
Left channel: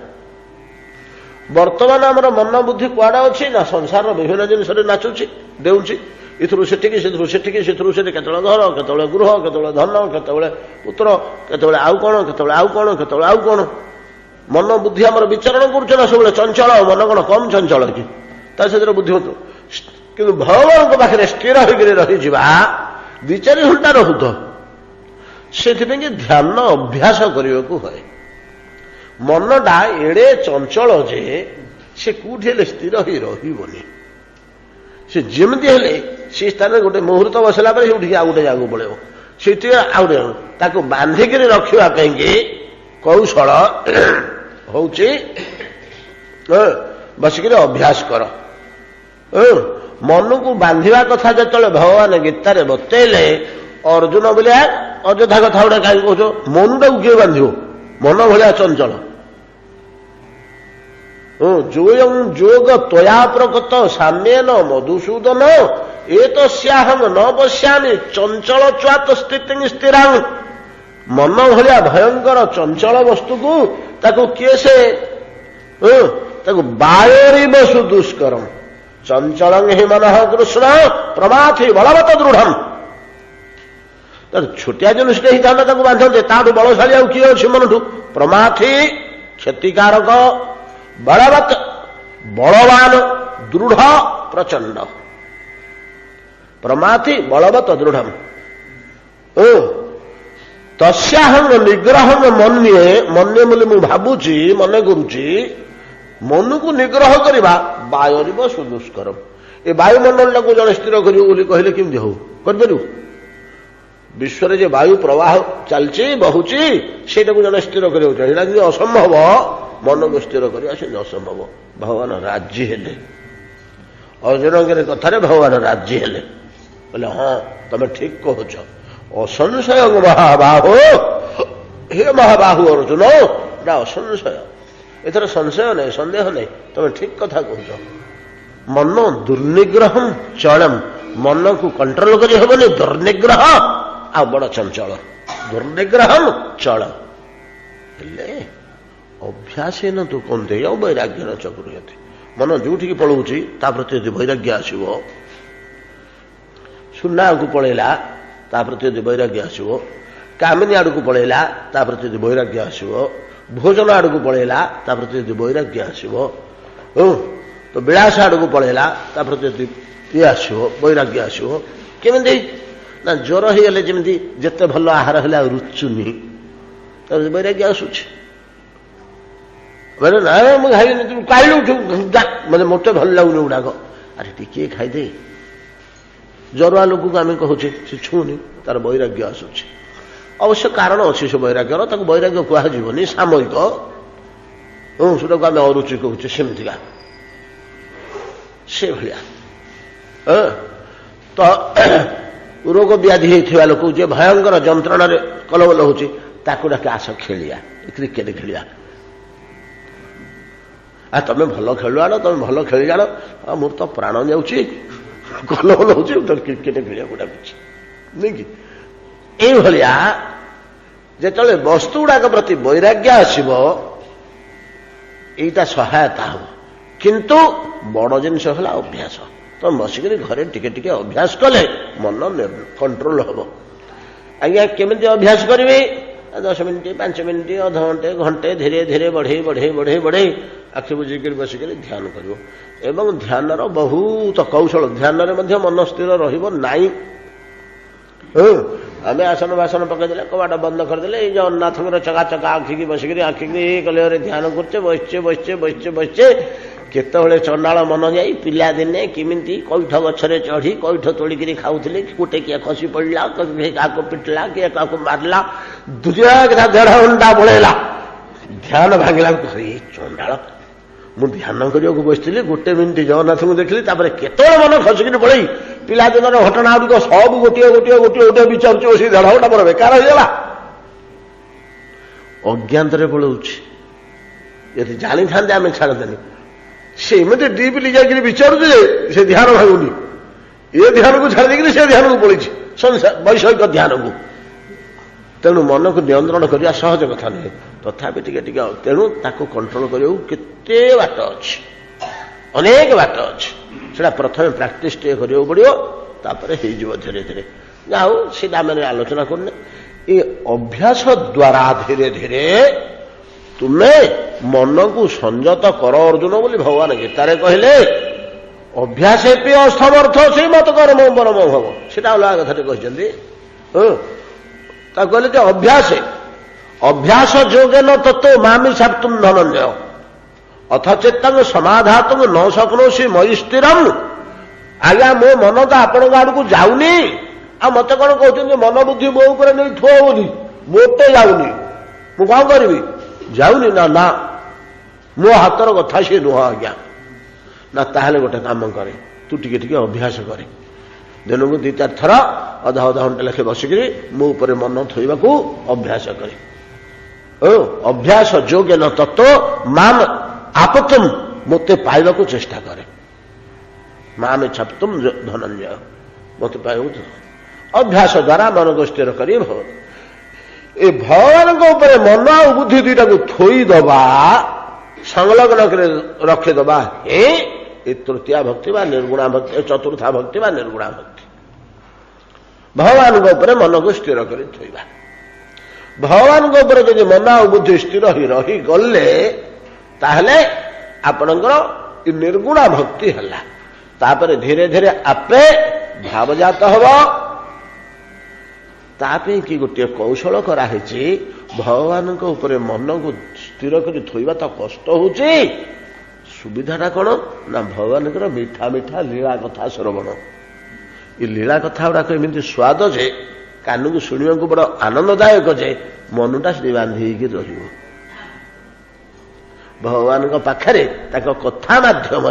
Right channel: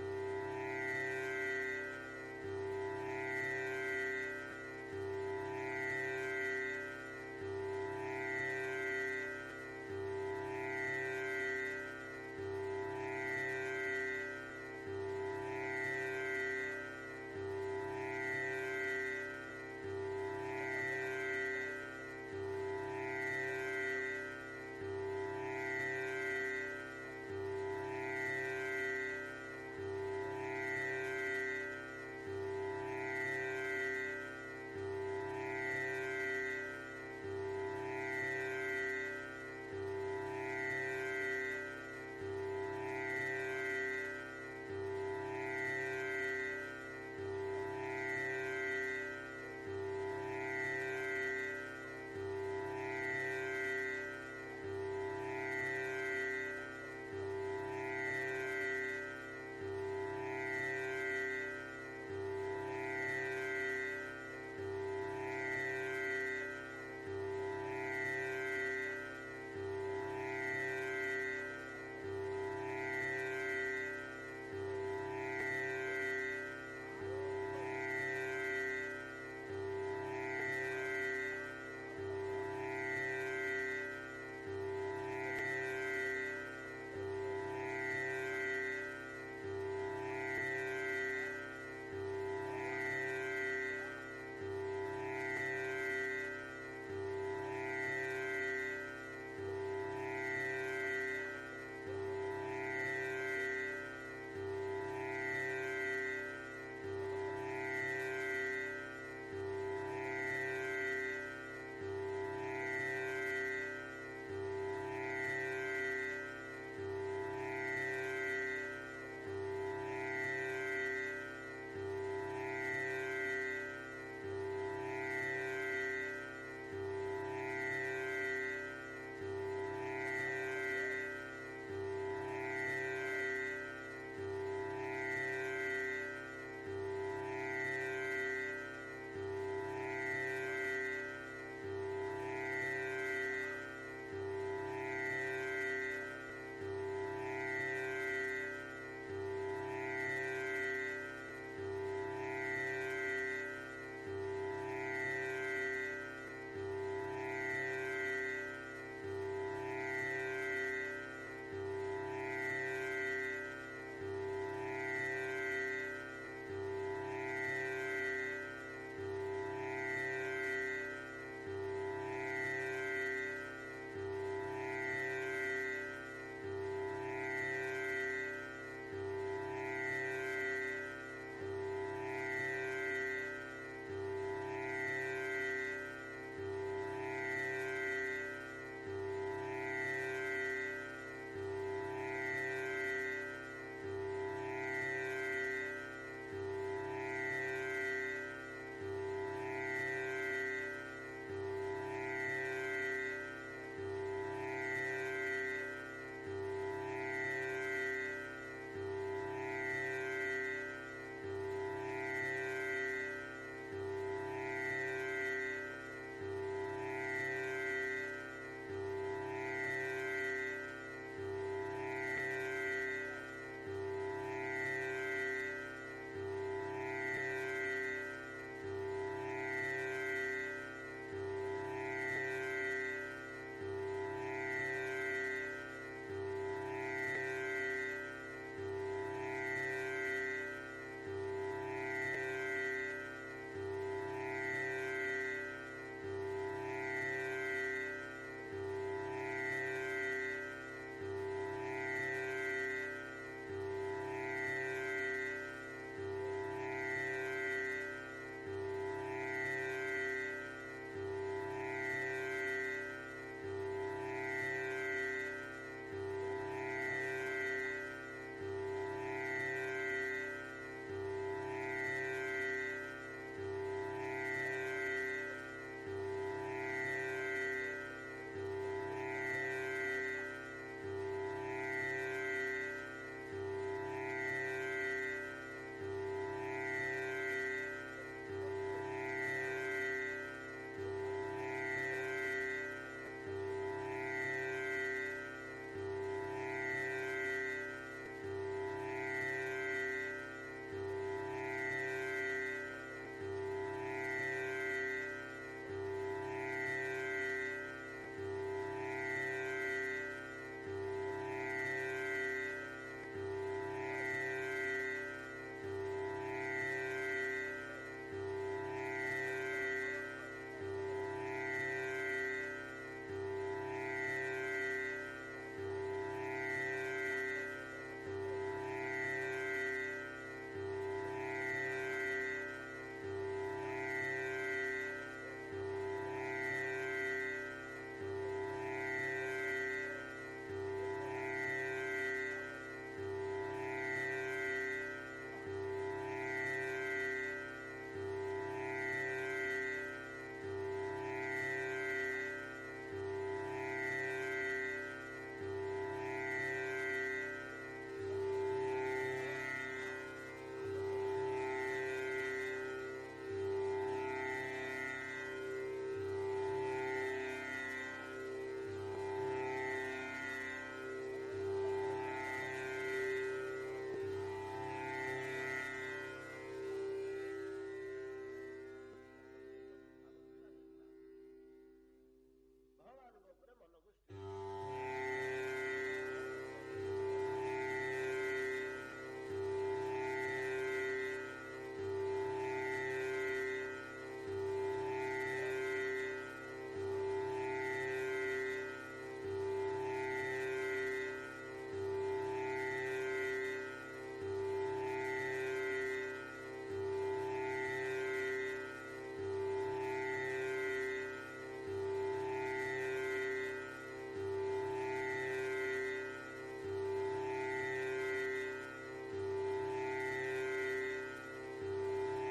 वर्तमान आमर मन बुद्धि कुआड़ा अच्छी ना संसार विभिन्न जिनस नाचुची देउची इथरू सेठिकी सेठू सेठिकी सेठू सेठी केतळे घर केतळे गृह केतळे धन केतळे पुत्र केतळे आउ कोण केतळे आउ कोण केतळे आउ कोण मन बुद्धि आमर विचरण करुछ ना सब चंचल मन कोण कम चंचल कि ता से बुद्धिमत किंतु भगवान पाखे स्थिर होकर रही 2-4 घंटा रहू तो से ध्यान अभ्यास करने को है मनटा एड़े चंचल जे से कौटी स्थिर हो रही से जमी हेले से स्थान गोटे मुहूर्त बसला आउ गोटे जगह पड़े से बांधिक रखापी कौशल हूँ बसिक अभ्यास कर मन को बांधा कथा जो भगवान गीतार बतैले अर्जुन बोले अଯଥା कथा गुड़ा कहीं कौच मन टाक किए बांध मन भाया चंचल जोग तया प्रकृत साम्येन मधुसूदन ए तस्याहं न पश्यामि चंचल च्वात स्थिति स्थिरांग मन भाया भयंकर चंचल वस्तु को ताको किए से बायोरिव सुदुष्करम चंचल ही मन कृष्ण प्रमाथि बलवत दृढ़ छोटिया जिनिस ही था बांधते ताठू बलशाली आ किए अच्छी मन ठू प्रमाथि क्षतिकारक बलवत बलवान दृढ़ प्रचंड प्रमाथि बलवत दृढ़ तस्याहंग निग्रह मन्ये मन्ये बोले मु भावुची मन करुची मन को निग्रह करवा वायुरिव सुदुष्करम ए वायुमंडल को जड़े स्थिर कर कहले केमती हो कर विश्व जे वायु प्रवाह चलची बहुची से जड़े स्थिर कर असंभव मन को स्थिर करवा से असंभव भगवान राजी हेले अर्जुन कथार भगवान राजी हेले बोले हाँ तुम ठीक कहच असंशय महाबाहो हे महाबाहु अर्जुन ना असंशय एथर संशय नहीं सन्देह नहीं तुम ठीक कथा कह मन दुर्निग्रह चलम मन को कंट्रोल कर हेनी दुर्निग्रह आ बड़ चंचल दुर्निग्रह चल अभ्यास न तू कौन वैराग्य चक्रुयते मन जो पलाऊँगी प्रति यदि वैराग्य आसो सुना को पलैला प्रति यदि वैराग्य आसो कामिनी आड़ को पलैला प्रति यदि वैराग्य आसो भोजन आड़ को पलैला प्रति यदि वैराग्य आसो तो विलास आड़ को पलैला प्रति यदि ये आसो वैराग्य आसो केमी ना ज्वर हो गले जमी जिते भल आहार हेल्ला रुचुनी वैराग्य आसूची बोले ना मुझे खाइबी तुम कल उठू मतलब मत भल लगुनि गुड़ाक अरे टिके खाईदे जरुआ लोक को आम कहे से छुनी तार वैराग्य आसूची अवश्य कारण अच्छी से वैराग्यर तक वैराग्य कहनी सामयिक सेटा को आम अरुचि कहचे सेमतिका से भाया तो रोग व्याधि होता लोक जे भयंकर जंत्रणा कलबल हो डाक आस खेलिया क्रिकेट खेलिया आ तुम भल खेलु आण तुम भल खेली जाण मोर तो प्राण जाऊँगी कलबल हो क्रिकेट खेलिया डाकुची नहीं कि यह जो वस्तु गुड़ाक प्रति वैराग्य आसब यहीटा सहायता हम किंतु बड़ जिनस है अभ्यास तो बसिक घरे टिके टिके अभ्यास कले मन कंट्रोल हम आज्ञा केमी अभ्यास करेंगे 10 मिनिट 5 मिनिट अध घंटे घंटे धीरे धीरे बढ़े बढ़े बढ़े बढ़े आखि बुझिक बसिक ध्यान कर ध्यान बहुत कौशल ध्यान मन स्थिर रही आम आसन बासन पकईदे कबाट बंद करदे जगन्नाथ चका चका आखिकी बसिक आखिकी कलर ध्यान करचे बसचे बसचे बसचे बसचे केतबले चंडाल मन जाई पिला दिने किमिति कैठ गछरे चढ़ी कैठ तोड़िक खाऊले गोटे किए खसी पड़ा क्या पिटला किए क्या मारला दुनिया कथा 1.5 घंटा पलैला ध्यान भांगला चंडाल मु ध्यान करने बसती 1 मिनिट जगन्नाथ को देखली केतबले मन खसिक पड़े पिलादिन घटना गुड़िक सब गोटे गोटे गोटे गोटे विचार बस 1.5 घंटा पर बेकार होगा अज्ञात पलाऊँ यदि जानी था आम छाड़देनि से एमती डीपली जाकर विचारुचे से ध्यान भांगुनि ये ध्यान को छाड़ देकर से ध्यान को पड़ी वैषयिक ध्यान को तेणु मन को नियंत्रण करने सहज कथा नुहे तथापि टिके टिके तेणु ताको कंट्रोल करने केते बाट अच्छी अनेक बाट अच्छी से प्रथम प्राक्टिस टे करा पड़ो तापर हो धीरे धीरे जाओ सीधा मैंने आलोचना करने ये अभ्यास द्वारा धीरे धीरे तुम्हें मन को संयत कर अर्जुन बोली भगवान गीतारे कहले अभ्यास पे असमर्थ से मत कर्म परम भव से अलग कथा कहते कहले अभ्यास अभ्यास जोगे न तत्व मामी साप्तुम धनंजय अथ चेतंग समाधातुम न शक्नोसी मयि स्थिरम आज्ञा मो मन तो आपण आड़ को जाऊनी आ मत कौन कहते मन बुद्धि मो ऊपर नहीं थुआ बोली मोटे जाऊनी मु कौन करी जाऊनी ना ना मो हाथर कथा सी नुह आज्ञा ना ताहले गोटे काम करे तू टिके टिके अभ्यास करे दिन को 2-4 थर अधा अधा घंटा लेखे बसिकी मो ऊपर मन थोइबाकू अभ्यास करे ओ अभ्यास योग्य न तत्व माम आपतुम मते पाइबाकू चेष्टा करे माम छपतुम धनंजय मते पाइबाकू अभ्यास द्वारा मन को स्थिर करी ए भगवान ऊपर मन आ बुद्धि दुईटा को थोईदबा संलग्न रखीदबा हे तृतीया भक्ति व निर्गुणा भक्ति चतुर्था भक्ति व निर्गुणा भक्ति भगवान ऊपर मन को स्थिर कर थोइबा भगवान ऊपर जब मन आ बुद्धि स्थिर रही गले ताहले आपणकर निर्गुणा भक्ति हला तापर धीरे धीरे आपे भावजात हबो तापे कि गोटे कौशल कराई भगवान ऊपर मन को स्थिर कर थोइबा तो कष्ट होची सुविधाटा कौन ना भगवान मीठा मीठा लीला कथा श्रवण ये लीला कथा गुड़ाक एमती स्वाद जे कान को शुणा बड़ आनंददायक जे मनटा से बांधी भगवान पाखे कथा मध्यम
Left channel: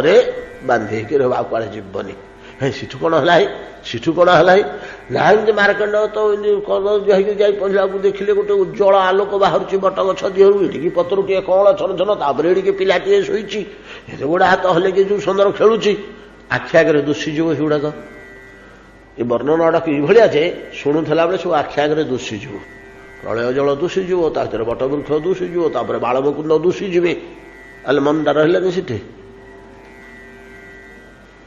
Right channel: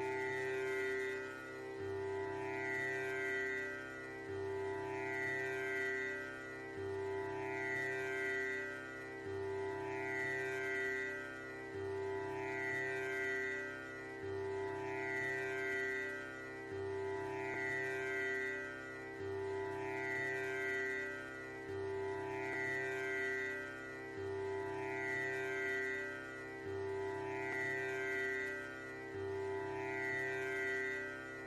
बांधी रहा कुआड़े जीवनी है सीठू कौन है सीठू कौन है ना मार्कंड तो जाई पढ़ला देखिले गोटे उज्जवल आलोक बाहर बट गछ दिहर ये पतर टे कौन छन छन तापर पिलाटे शोची गोड़ा हाथ हल जो सुंदर खेलुची आखि आगे दुषीजीव सेगुड़ाक ये वर्णना गुड़ाक ये जे शुणुला बेले सब आखि आगे दुषीजीव प्रलय जल दुषीजीव तार बटवृक्ष दुषीजीव तापर बालमुकुंद दुषीजीवे अल मनटा रहा सीठे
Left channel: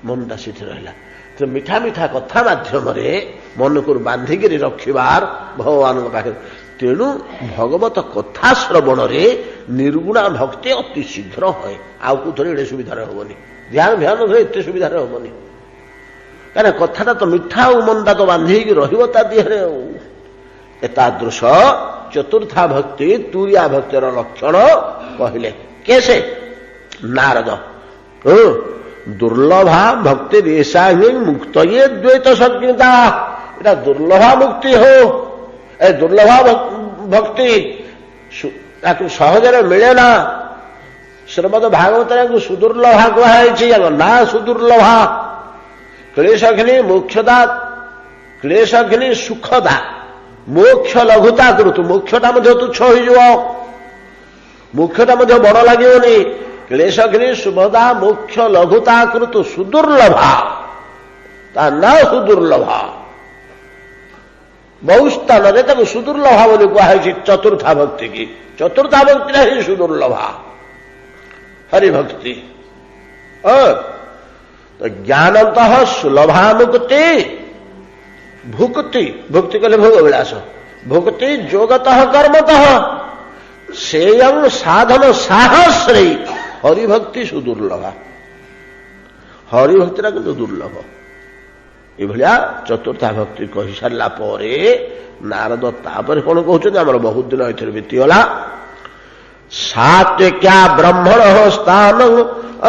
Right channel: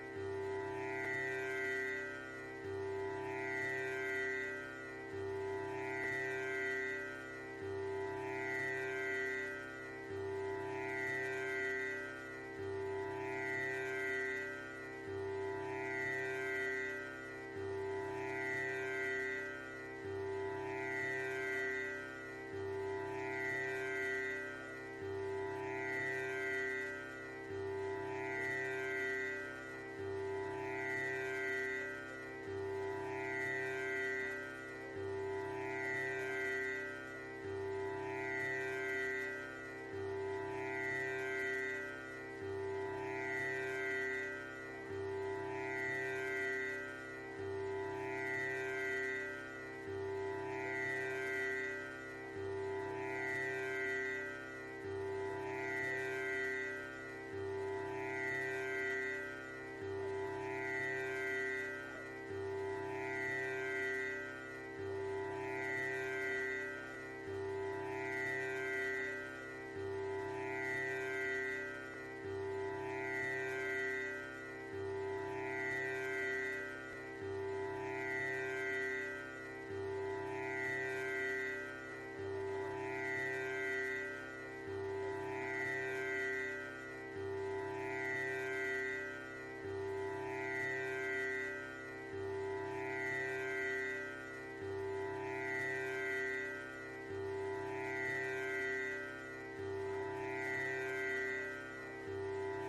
मनटा सीठे रहा तो मीठा मीठा कथा मध्यम मन को बांधिक रखिबार भगवान पाखे तेणु भगवत कथा श्रवण निर्गुणा भक्ति अति शीघ्र है आउ थे एड़े सुविधार हेनी ध्यान ध्यान एत सुविधार हेनी कहीं कथाटा तो मीठा मनटा तो बांधिक रही एतादृश चतुर्था भक्ति तुरिया भक्तिर लक्षण कहले कैसे नारद दुर्लभा भक्ति रेशा ही मुक्त ये द्वैत संज्ञता এটা दुर्लभा मुक्ति हो ए दुर्लभा भक्ति ताकू सहजरे मिले ना श्रीमद भागवत सुदुर्लभा कहुई ना सुदुर्लभा क्लेशघ्नि मोक्षदा क्लेशघ्नि सुखदा मोक्ष लघुता करूतु मोक्षटा तुच्छ हो मोक्षटा बड़ लगे क्लेशघ्नि सुभदा मोक्ष लघुता कृतु सुदुर्लभा ता ना सुदुर्लभा बहु स्थान में सुदुर्लभा बोली कहुई चतुर्था भक्ति की चतुर्था भक्ति ही सुदुर्लभा हरिभक्ति तो ज्ञानत सुलभा मुक्ति भुक्ति भुक्ति कहले भोग विलास भुक्ति जोगत कर्मत सेयं साधन साहस्री हरिभक्ति सुदुर्लभा हरिभक्ति किंतु दुर्लभ ये चतुर्था भक्ति कही सारा नारद तापर कौन कहते आम बहुत दिन ये बीतीगला सात्विक्या ब्रह्मण स्थान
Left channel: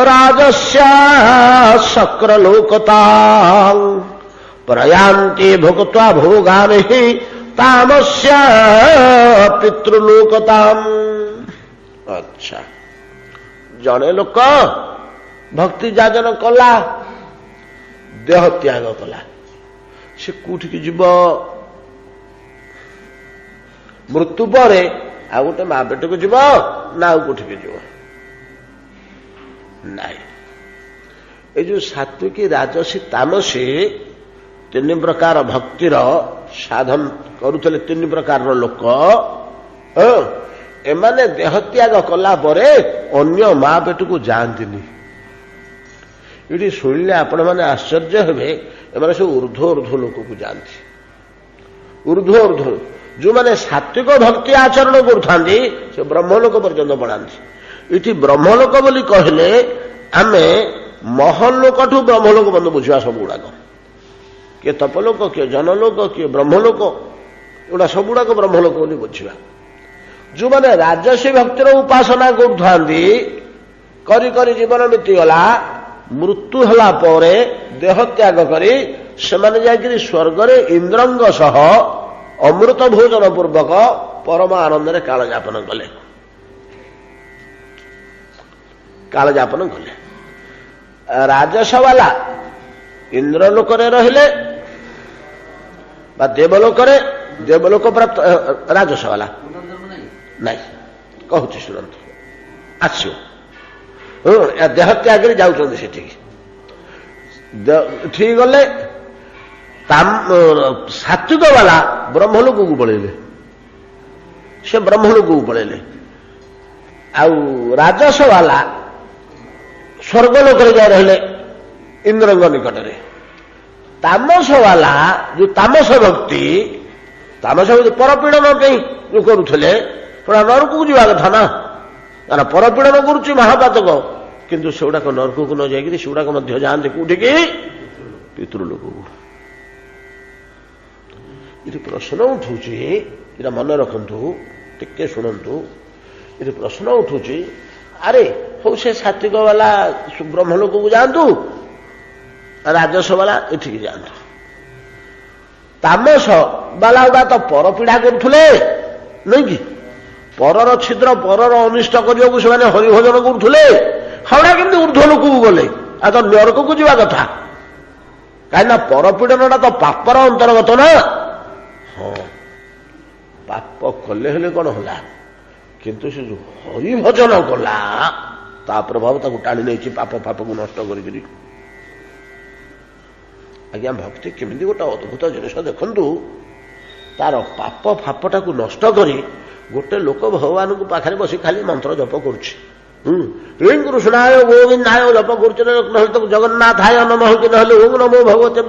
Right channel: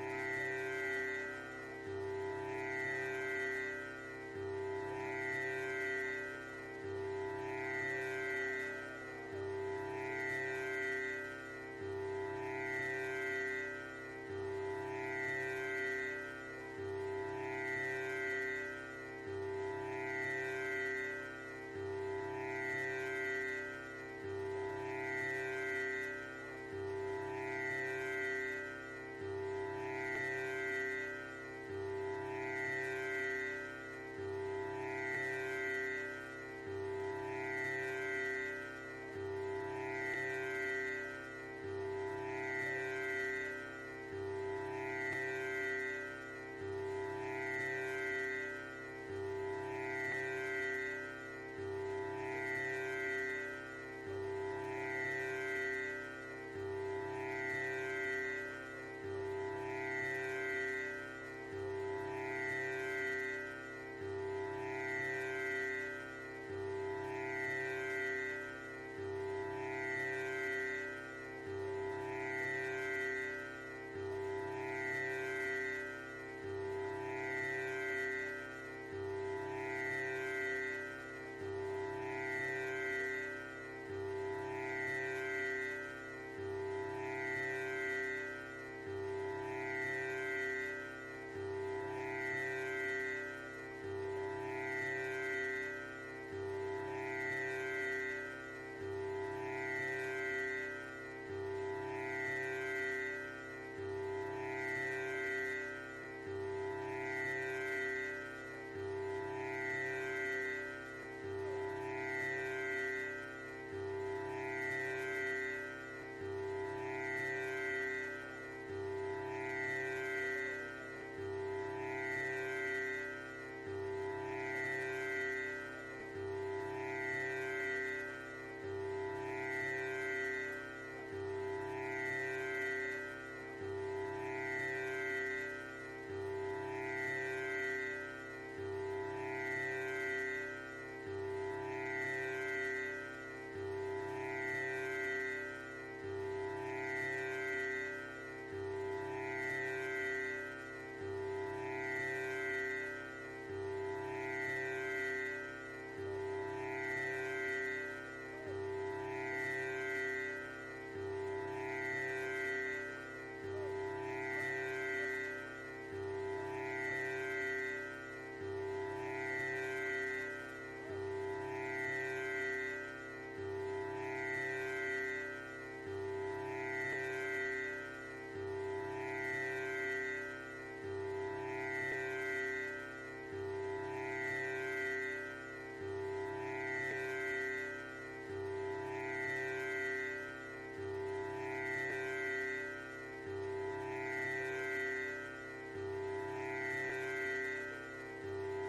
राजस्या शक्रलोकता प्रयांति भुक्त्वा भोगान ही तामस्या पितृलोकता। अच्छा जड़े लोक भक्ति जाजन कला देह त्याग कला से कौटिक जीव मृत्यु पर आ गोटे माँ पेट को जीव ना कौटिक जीव नाई ये जो सात्विकी राजसी तामसी 3 प्रकार भक्तिर साधन करुले 3 प्रकार लोक एमाने देह त्याग कला परे अन्य माँ पेट को जाती ये शुणिले आपण मैंने आश्चर्य हे एमाने सब ऊर्ध्व ऊर्ध्व लोक को जाती ऊर्ध्व ऊर्ध्व जो मैंने सात्विक भक्ति आचरण करुथांती से ब्रह्मलोक पर्यंत पढ़ाती इटी ब्रह्मलोक बोली कहले आमे महलोक ठू ब्रह्मलोक बंद बुझा सब गुड़ाक किए तपलोक किए जनलोक किए ब्रह्मलोक एगुड़ा सब गुड़ाक ब्रह्मलोक बोली बुझा जो मैंने राजसी भक्तिर उपासना करुथांती करी करी जीवन बीतीगला मृत्यु होला परे देह त्याग करी सेमाने जाकरी स्वर्गरे इंद्रंग सह अमृत भोजन पूर्वक परम आनंद कालयापन कले राजस वाला ଇନ୍ଦ୍ରଲୋକରେ ରହିଲେ ବା ଦେବଲୋକ ପ୍ରାପ୍ତ ରାଜସ ବାଲା ନାଇଁ କହୁଛି ଶୁଣନ୍ତୁ ଆସିବ ଦେହ ତ୍ୟାଗରେ ଯାଉଛନ୍ତି ସେଠିକି ଠିକ ଗଲେ ସାତ୍ବିକ ବାଲା ବ୍ରହ୍ମଲୋକକୁ ପଳେଇଲେ ସେ ବ୍ରହ୍ମଲୋକକୁ ପଳେଇଲେ ଆଉ ରାଜସ ବାଲା ସ୍ୱର୍ଗଲୋକରେ ଯାଇ ରହିଲେ ଇନ୍ଦ୍ରଙ୍କ ନିକଟରେ ତାମସ ବାଲା ଯୋଉ ତାମସ ଭକ୍ତି ପରପୀଡ଼ନ ପାଇଁ ଯୋଉ କରୁଥିଲେ ପୁରା ନରକକୁ ଯିବା କଥା ନା କାରଣ ପରପୀଡ଼ନ କରୁଛି ମହାପାତକ କିନ୍ତୁ ସେଗୁଡାକ ନରକକୁ ନ ଯାଇକିରି ସେଗୁଡାକ ମଧ୍ୟ ଯାଆନ୍ତି କୋଉଠିକି ପିତୃଲୋକକୁ ଏଠି ପ୍ରଶ୍ନ ଉଠୁଛି ଏଟା ମନେ ରଖନ୍ତୁ ଟିକେ ଶୁଣନ୍ତୁ ଏଠି ପ୍ରଶ୍ନ ଉଠୁଛି ଆରେ ହଉ ସେ ସାତ୍ବିକ ବାଲା ବ୍ରହ୍ମଲୋକକୁ ଯାଆନ୍ତୁ ରାଜସ ବାଲା ଏଠିକି ଯାଆନ୍ତୁ ତାମସ ବାଲା ଗୁଡା ତ ପରପୀଡ଼ା କରୁଥିଲେ ନୁହେଁ କି ପରର ଛିଦ୍ର ପରର ଅନିଷ୍ଟ କରିବାକୁ ସେମାନେ ହରିଭଜନ କରୁଥିଲେ ହାଉଡା କେମିତି ଉର୍ଦ୍ଧ୍ୱ ଲୋକକୁ ଗଲେ ଆଉ ତ ନରକକୁ ଯିବା କଥା କାହିଁକିନା ପରପୀଡ଼ନଟା ତ ପାପର ଅନ୍ତର୍ଗତ ନା ହଁ ପାପ କଲେ ହେଲେ କଣ ହେଲା କିନ୍ତୁ ସେ ଯୋଉ ହରିଭଜନ କଲା ତା ପ୍ରଭାବ ତାକୁ ଟାଣି ନେଇଛି ପାପକୁ ନଷ୍ଟ କରିକିରି ଆଜ୍ଞା ଭକ୍ତି କେମିତି ଗୋଟେ ଅଦ୍ଭୁତ ଜିନିଷ ଦେଖନ୍ତୁ ତାର ପାପଟାକୁ ନଷ୍ଟ କରି ଗୋଟେ ଲୋକ ଭଗବାନଙ୍କ ପାଖରେ ବସି ଖାଲି ମନ୍ତ୍ର ଜପ କରୁଛି କ୍ଲିଂ କୃଷ୍ଣାୟ ଗୋବିନ୍ଦାୟ ଜପ କରୁଛି ନହେଲେ ତାକୁ ଜଗନ୍ନାଥାୟ ନମଃ କି ନହେଲେ ଓಂ ନମୋ ଭଗବତେ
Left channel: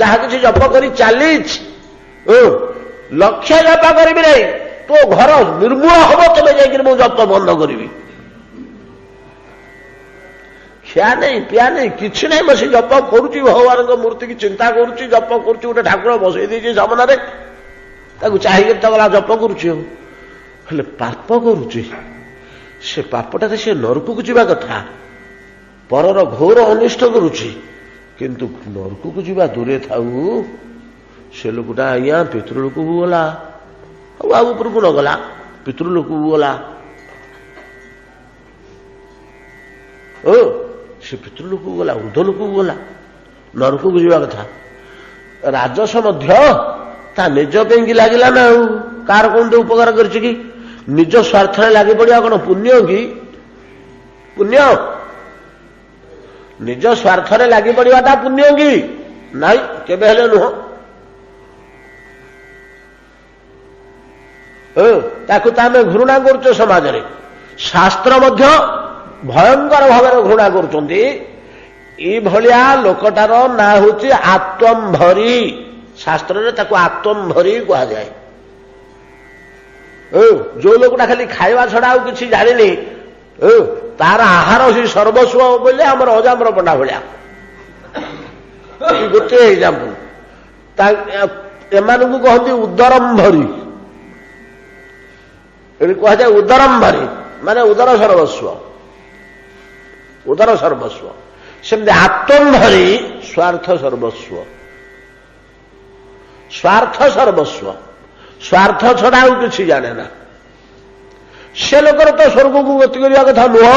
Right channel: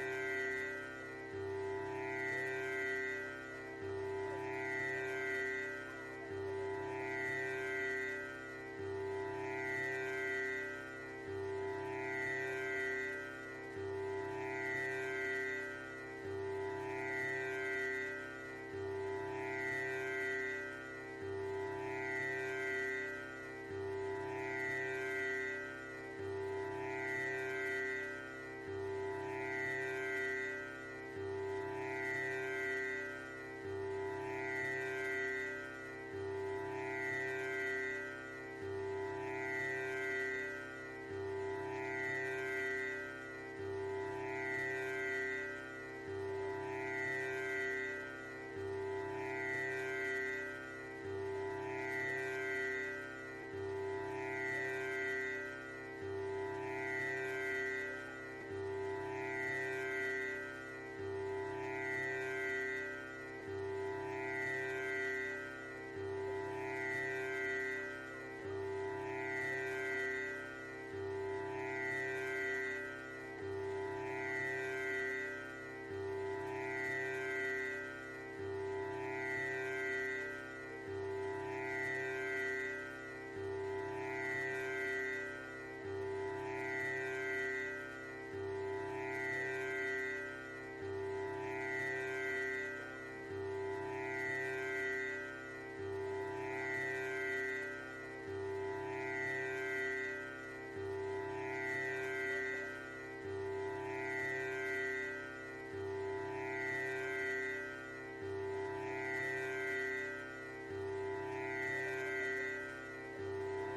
ଯାହା କିଛି ଜପ କରି ଚାଲିଛି ଲକ୍ଷ୍ୟ ଜପ କରିବି ନାହିଁ ତୋ ଘର ନିର୍ମୂଳ ହବ ତମେ ଯାଇକିରି ମୁଁ ଜପ ବନ୍ଦ କରିବି ଖିଆ ନେଇ ପିଆ ନେଇ କିଛି ନାହିଁ ବସି ଜପ କରୁଛି ଭଗବାନଙ୍କ ମୂର୍ତ୍ତିକି ଚିନ୍ତା କରୁଛି ଜପ କରୁଛି ଗୋଟେ ଠାକୁର ବସେଇ ଦେଇଛି ସାମନାରେ ତାକୁ ଚାହିଁକି ତ ଗଲା ଜପ କରୁଛି ହେଲେ ପାପ କରୁଛି ସେ ପାପଟାରେ ସେ ନରକକୁ ଯିବା କଥା ପରର ଘୋର ଅନିଷ୍ଟ କରୁଛି କିନ୍ତୁ ନରକକୁ ଯିବା ଦୂରେ ଥାଉ ସେ ଲୋକଟା ଆଜ୍ଞା ପିତୃଲୋକକୁ ଗଲା ଆଉ ଉପରକୁ ନ ଗଲା ପିତୃଲୋକକୁ ଗଲା ସେ ପିତୃଲୋକକୁ ଗଲା ଉର୍ଦ୍ଧ୍ୱ ଲୋକକୁ ଗଲା ନରକକୁ ଯିବା କଥା ରାଜସ ମଧ୍ୟ ତା ନିଜ ପାଇଁକି ଲାଗିଲା ନା ଆଉ କାହାର କଣ ଉପକାର କରିଛି କି ନିଜ ସ୍ୱାର୍ଥରେ ଲାଗି ପଡିବା କଣ ପୁଣ୍ୟ କି ପୁଣ୍ୟ ନିଜ ସ୍ୱାର୍ଥରେ ଲାଗି ପଡିବାଟା ପୁଣ୍ୟ କି ନାଇଁ କେବେ ହେଲେ ନୁହଁ ତାକୁ ତ ଆମେ ଘୃଣା କରୁଛେ ସମାଜରେ ଶାସ୍ତ୍ର ମଧ୍ୟ ଭୟଙ୍କର ଭାବରେ ଘୃଣା କରୁଛନ୍ତି ଏଇଭଳିଆ ଲୋକଟାର ନାଁ ହେଉଛି ଆତ୍ମମ୍ଭରୀ ଶାସ୍ତ୍ରରେ ତାକୁ ଆତ୍ମମ୍ଭରୀ କୁହାଯାଏ ଯୋଉ ଲୋକଟା ଖାଲି ଖାଇବା ଛଡା ଆଉ କିଛି ଜାଣିନି ତାର ଆହାର ହିଁ ସର୍ବସ୍ୱ ବୋଲେ ଆମର ଅଜାମ୍ର ପଣ୍ଡା ଭଳିଆ ଗୋଟିଏ ଏକ୍ସାମ୍ପଲ ଏମାନଙ୍କୁ କହନ୍ତି ଉଦରମ୍ଭରୀ ଏଠି କୁହାଯାଏ ଉଦରମ୍ଭରୀ ମାନେ ଉଦର ସର୍ବସ୍ୱ ସେମିତି ଆତ୍ମମ୍ଭରୀ ସ୍ୱାର୍ଥ ସର୍ବସ୍ୱ ସ୍ୱାର୍ଥ ଛଡା ଆଉ କିଛି ଜାଣେ ନା ସେ ଲୋକର ତ ସ୍ୱର୍ଗକୁ ଗତି କରିବା କଥା ନୁହଁ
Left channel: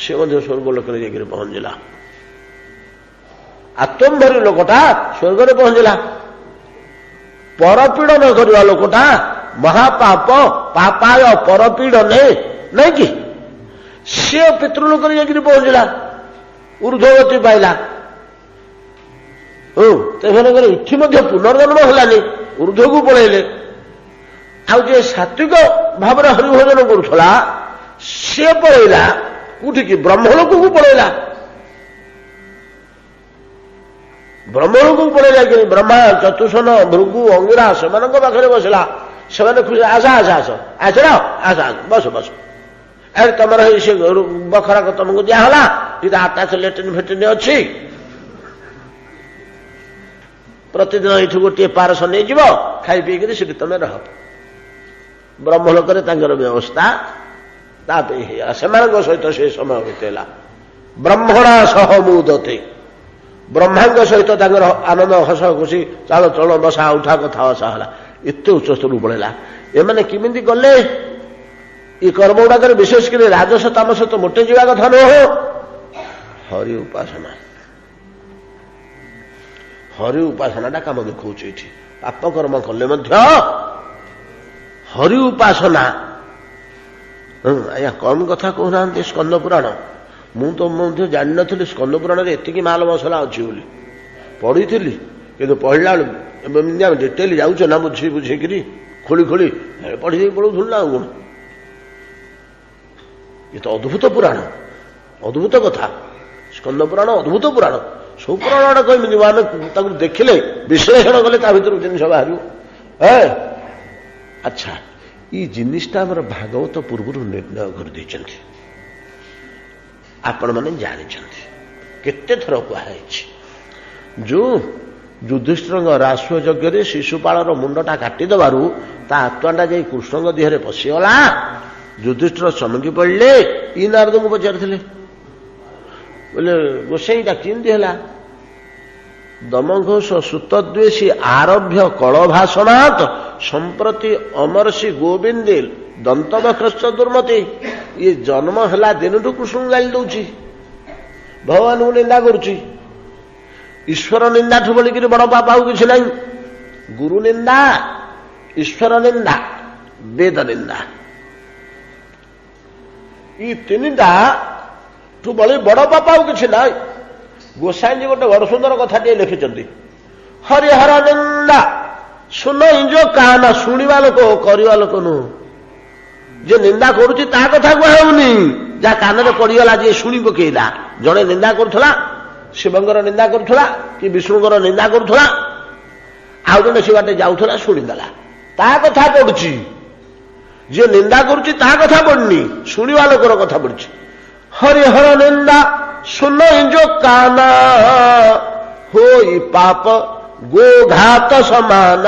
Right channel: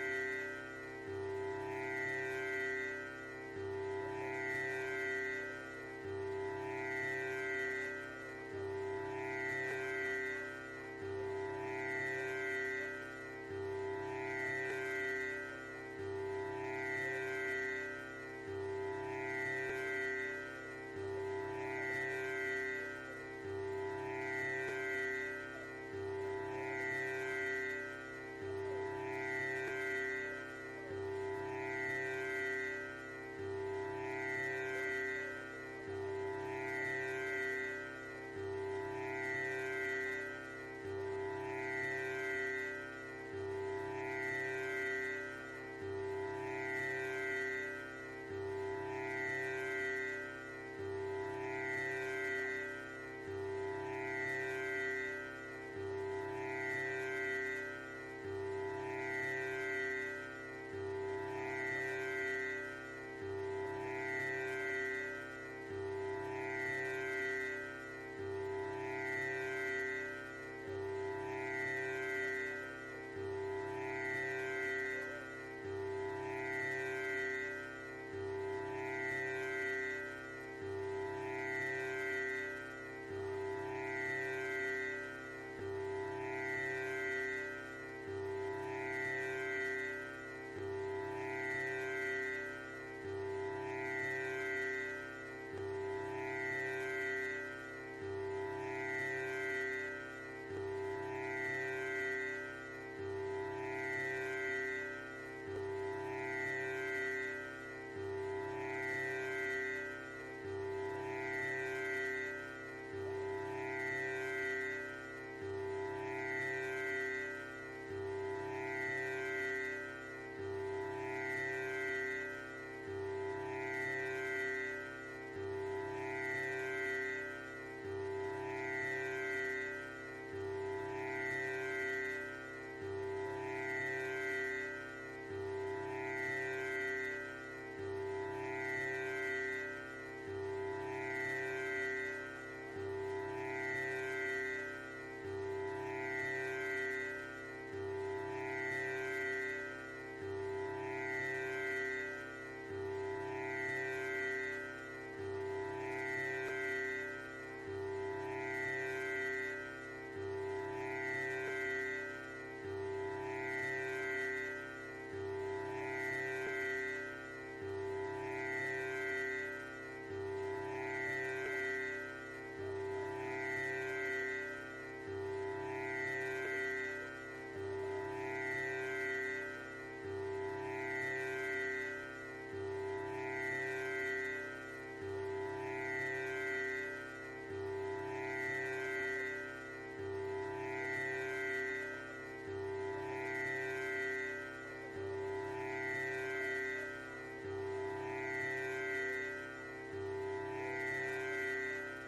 ସେ ମଧ୍ୟ ସ୍ୱର୍ଗ ଲୋକରେ ଯାଇକରି ପହଞ୍ଚିଲା ଆତ୍ମମ୍ଭରୀ ଲୋକଟା ସ୍ୱର୍ଗରେ ପହଞ୍ଚିଲା ପରପୀଡ଼ନ କରିବା ଲୋକଟା ମହାପାପ ପାପାୟ ପରପୀଡ଼ନେ ନାଇଁ କି ସିଏ ପିତୃଲୋକରେ ଯାଇକରି ପହଞ୍ଚିଲା ଉର୍ଦ୍ଧ୍ୱଗତି ପାଇଲା ସେମାନଙ୍କର ଏଠି ମଧ୍ୟ ପୁନର୍ଜନ୍ମ ହେଲାନି ଉର୍ଦ୍ଧ୍ୱକୁ ପଳେଇଲେ ଆଉ ଯିଏ ସାତ୍ବିକ ଭାବରେ ହରିଭଜନ କରୁଥିଲା ସିଏ ପଳେଇଲା କୋଉଠିକି ବ୍ରହ୍ମଲୋକକୁ ପଳେଇଲା ବ୍ରହ୍ମଲୋକକୁ ପଳେଇଲା କି ବ୍ରହ୍ମା ଚତୁଷନ ଭୃଗୁ ଅଙ୍ଗିରା ସେମାନଙ୍କ ପାଖରେ ବସିଲା ସେମାନେ ଖୁସି ଆସ ବସ ଆରେ ତମର ସେ ବଖରାକ ତମକୁ ଦିଆହେଲା ଏଇଟା ଆଟାଚ ଲେଟ୍ରିନ୍ ଫେଟ୍ରିନ୍ ଅଛି ପ୍ରତିଦିନ ଏଇଠୁ ଗୋଟିଏ ପାରସ ନେଇଯିବ ଖାଇ ପିଇକିରି ସେଠି ତମେ ରହ ବ୍ରହ୍ମଲୋକରେ ତାଙ୍କର ବ୍ୟବସ୍ଥା ତା ପାଇଁ ହେଇଗଲା ସେମାନଙ୍କ ସହିତ ସେ ସମୟ ବିତେଇଲା ବ୍ରହ୍ମଣା ସହ ମୁଦତେ ବ୍ରହ୍ମାଙ୍କ ସହିତ ତାଙ୍କର ଆନନ୍ଦ ହସ ଖୁସି ଚାଳ ଚଳ ବସା ଉଠା କଥା ବସା ହେଲା ଏତେ ଉଚ୍ଚସ୍ତରକୁ ପଳେଇଲା ଏମାନେ କେମିତି ଗଲେ ଏ କର୍ମ ଗୁଡାକରେ ବିଶେଷ କରି ରାଜସ ତାମସ ତ ମୋଟେ ଯିବା କଥା ନୁହଁ ହରି ଉପାସନା हरि उपासनाटा काम देखौछि एठी पापकर्म कले मध्य हरि उपासना आज्ञा कम कथा कहना स्कंद पुराण मु तो मध्य जान नी स्कंद पुराण एतिकी माल मसला अच्छी बोली पढ़ी कि पढ़ला डिटेल जाऊच ना बुझी बुझीकि खोली खोली पढ़ी पढ़ू ना कौन ये तो अद्भुत पुराण अद्भुत कथा स्कंद पुराण अद्भुत पुराण सब पुराण कमी आम देखिले विश्लेषण कले भर जिन बाहर अच्छा ये जिनिसटा आम भागवत पूर्व निर्णय कर आपण मैंने जानी केते थर कहुई जो युधिष्ठिर राष्ट्र यज्ञ शिशुपाल मुंडटा काटिदेबार ता आत्माटा जा कृष्ण देहरे पशिगला युधिष्ठिर चमकी पड़े ई नारद को पचारि बोले गोसाईटा केमती है दमघोष सुतद्वेषी आरभ्य कलभाषणात संप्रति अमरसी गोविंदे दंतवक्रश्च दुर्मति ये जन्म है दिन कृष्ण गाली दौची भगवान को निंदा करुच्ची ईश्वर निंदा ठू बोलिक बड़ पाप आउ कि ना गुरु निंदा ईश्वर निंदा वेद निंदा ये तीनटा तू बड़ी बड़ पाप आउ कि ना गोसाई जी गोटे बड़ सुंदर कथा लिखिं हरिहर निंदा सुन जो काना शुणा लोक करवा लोक नुह जे निंदा करुच्ची ता कथा कहनी जहाँ कान में पड़गला जी शुणी पकेला जड़े निंदा करुला शिवंकर निंदा करुला कि विष्णुकर निंदा करुला आउ जड़े से बाटे जाऊला शुणीदेला ता कथा पड़ुची जे निंदा करुच्ची ता कथा पड़नी शुणा लोकर कथा पड़ुची हरिहर निंदा सुन जो काना हो पाप गोघात समान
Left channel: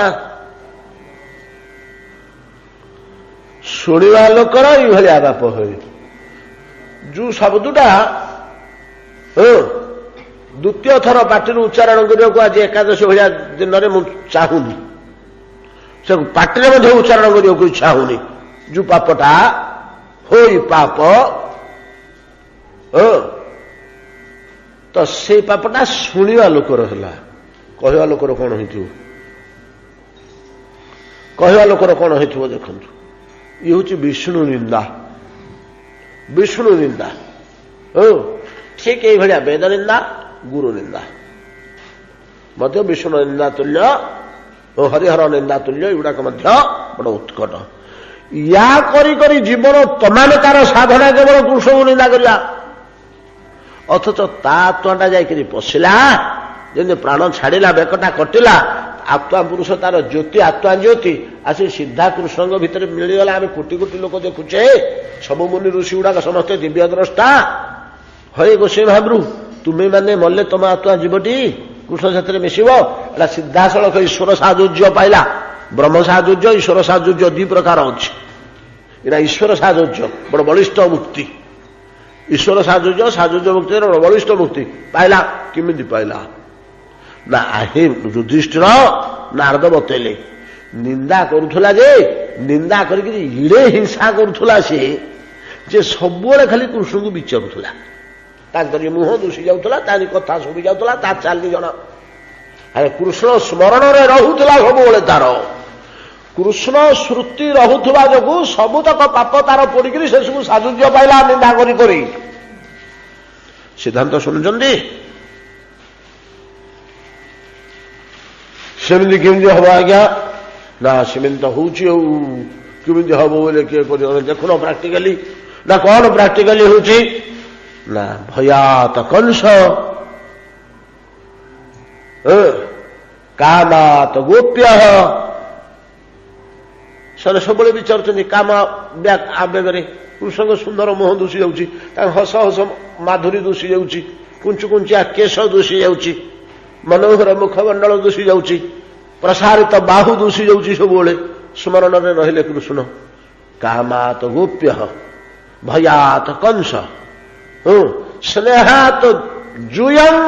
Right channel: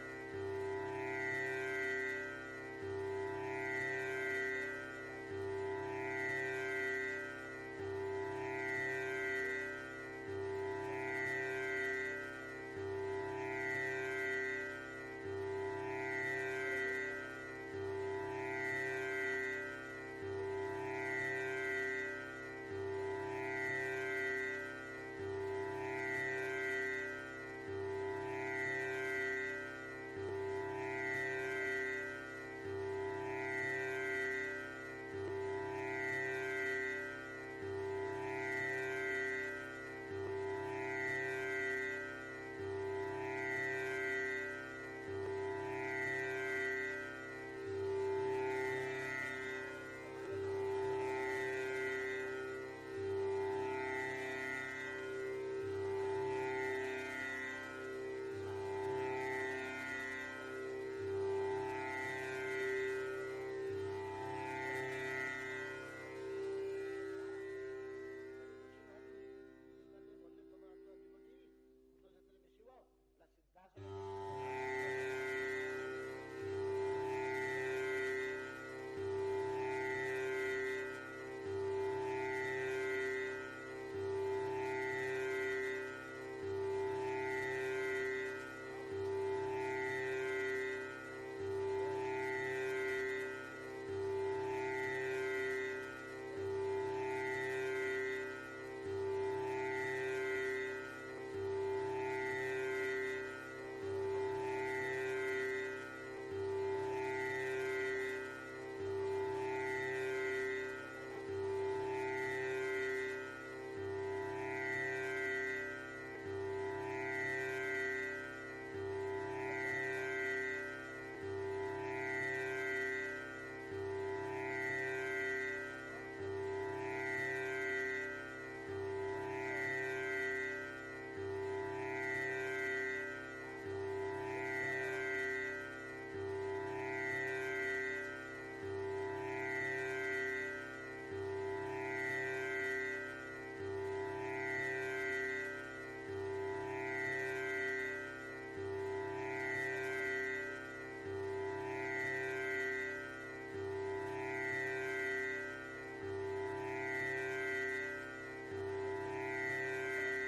शुणा लोकर ये बाप हो जो शब्दटा द्वितीय थर पार्टी उच्चारण करने आज एकादशी भाया दिन में चाहूनी से पार्टी में उच्चारण करने को इच्छा होनी जो पापटा हो पाप तो से पापटा शुणा लोकर है कहवा लोकर कौन कहवा लोकर कौन हो देखु ये हूँ विष्णु निंदा विष्णु निंदा ठीक ये भाया वेद निंदा गुरु निंदा मध्य विष्णु निंदा तुल्य और हरिहर निंदा तुल्य युवाक बड़ उत्कट या करी जीवन तमाम तार साधना केवल कृष्ण को निंदा करिया अथच ता आत्माटा जाकि पशिला जमी प्राण छाड़ा बेकटा कटिला आत्मा पुरुष तार ज्योति आत्मा ज्योति आसी सीधा कृष्ण भितर मिलगला आम कोटि कोटि लोक देखुचे सब मुनि ऋषि गुड़ाक समस्ते दिव्य द्रष्टा हरे गोसाई महाप्रभु तुम्हें मैंने मल्ले तुम आत्मा जीवटी कृष्ण साथी मिशब एटा सीधा सड़क ईश्वर साजुज्य पाइला ब्रह्म साजुज्य ईश्वर साजुज्य दि प्रकार अच्छी एटा ईश्वर साजुज्य बड़ बलिष्ठ मुक्ति ईश्वर साजुज्य साजुज्य मुक्ति बड़ बलिष्ठ मुक्ति पाइला किमिति पाइला ना आहे युधिष्ठिर नारद बतेले निंदा करुला जे निंदा करके इड़े हिंसा करुला सी जे सब खाली कृष्ण को विचारुला मुह दुषी जाऊला कथा शुणी जाऊला चाली जन अरे कृष्ण स्मरण में रोला सब तार कृष्ण श्रुति रोला जो सबुतक पाप तार पड़ी से सब साजुज्य पाइला निंदा करी सिद्धांत शुणुंट सेमती केमती हम आज्ञा ना सेमती तो होमती हम बोले किए देखुन प्राक्टिकाली ना कौन प्राक्टिकाली हूँ ना भयात कंस कामात गोप्य से सब विचार काम आवेगे कृष्ण सुंदर मुह दूषी जाऊँगी हस हस माधुरी दूषी जाऊँगी कुंचु कुंचिया केश दूषी जाऊँगी मनोहर मुखमंडल दूषी जाऊँगी प्रसारित बाहु दूषी जाऊँगी सब स्मरण में रहिले कृष्ण कामात गोप्य भयात कंस स्नेहात जुयं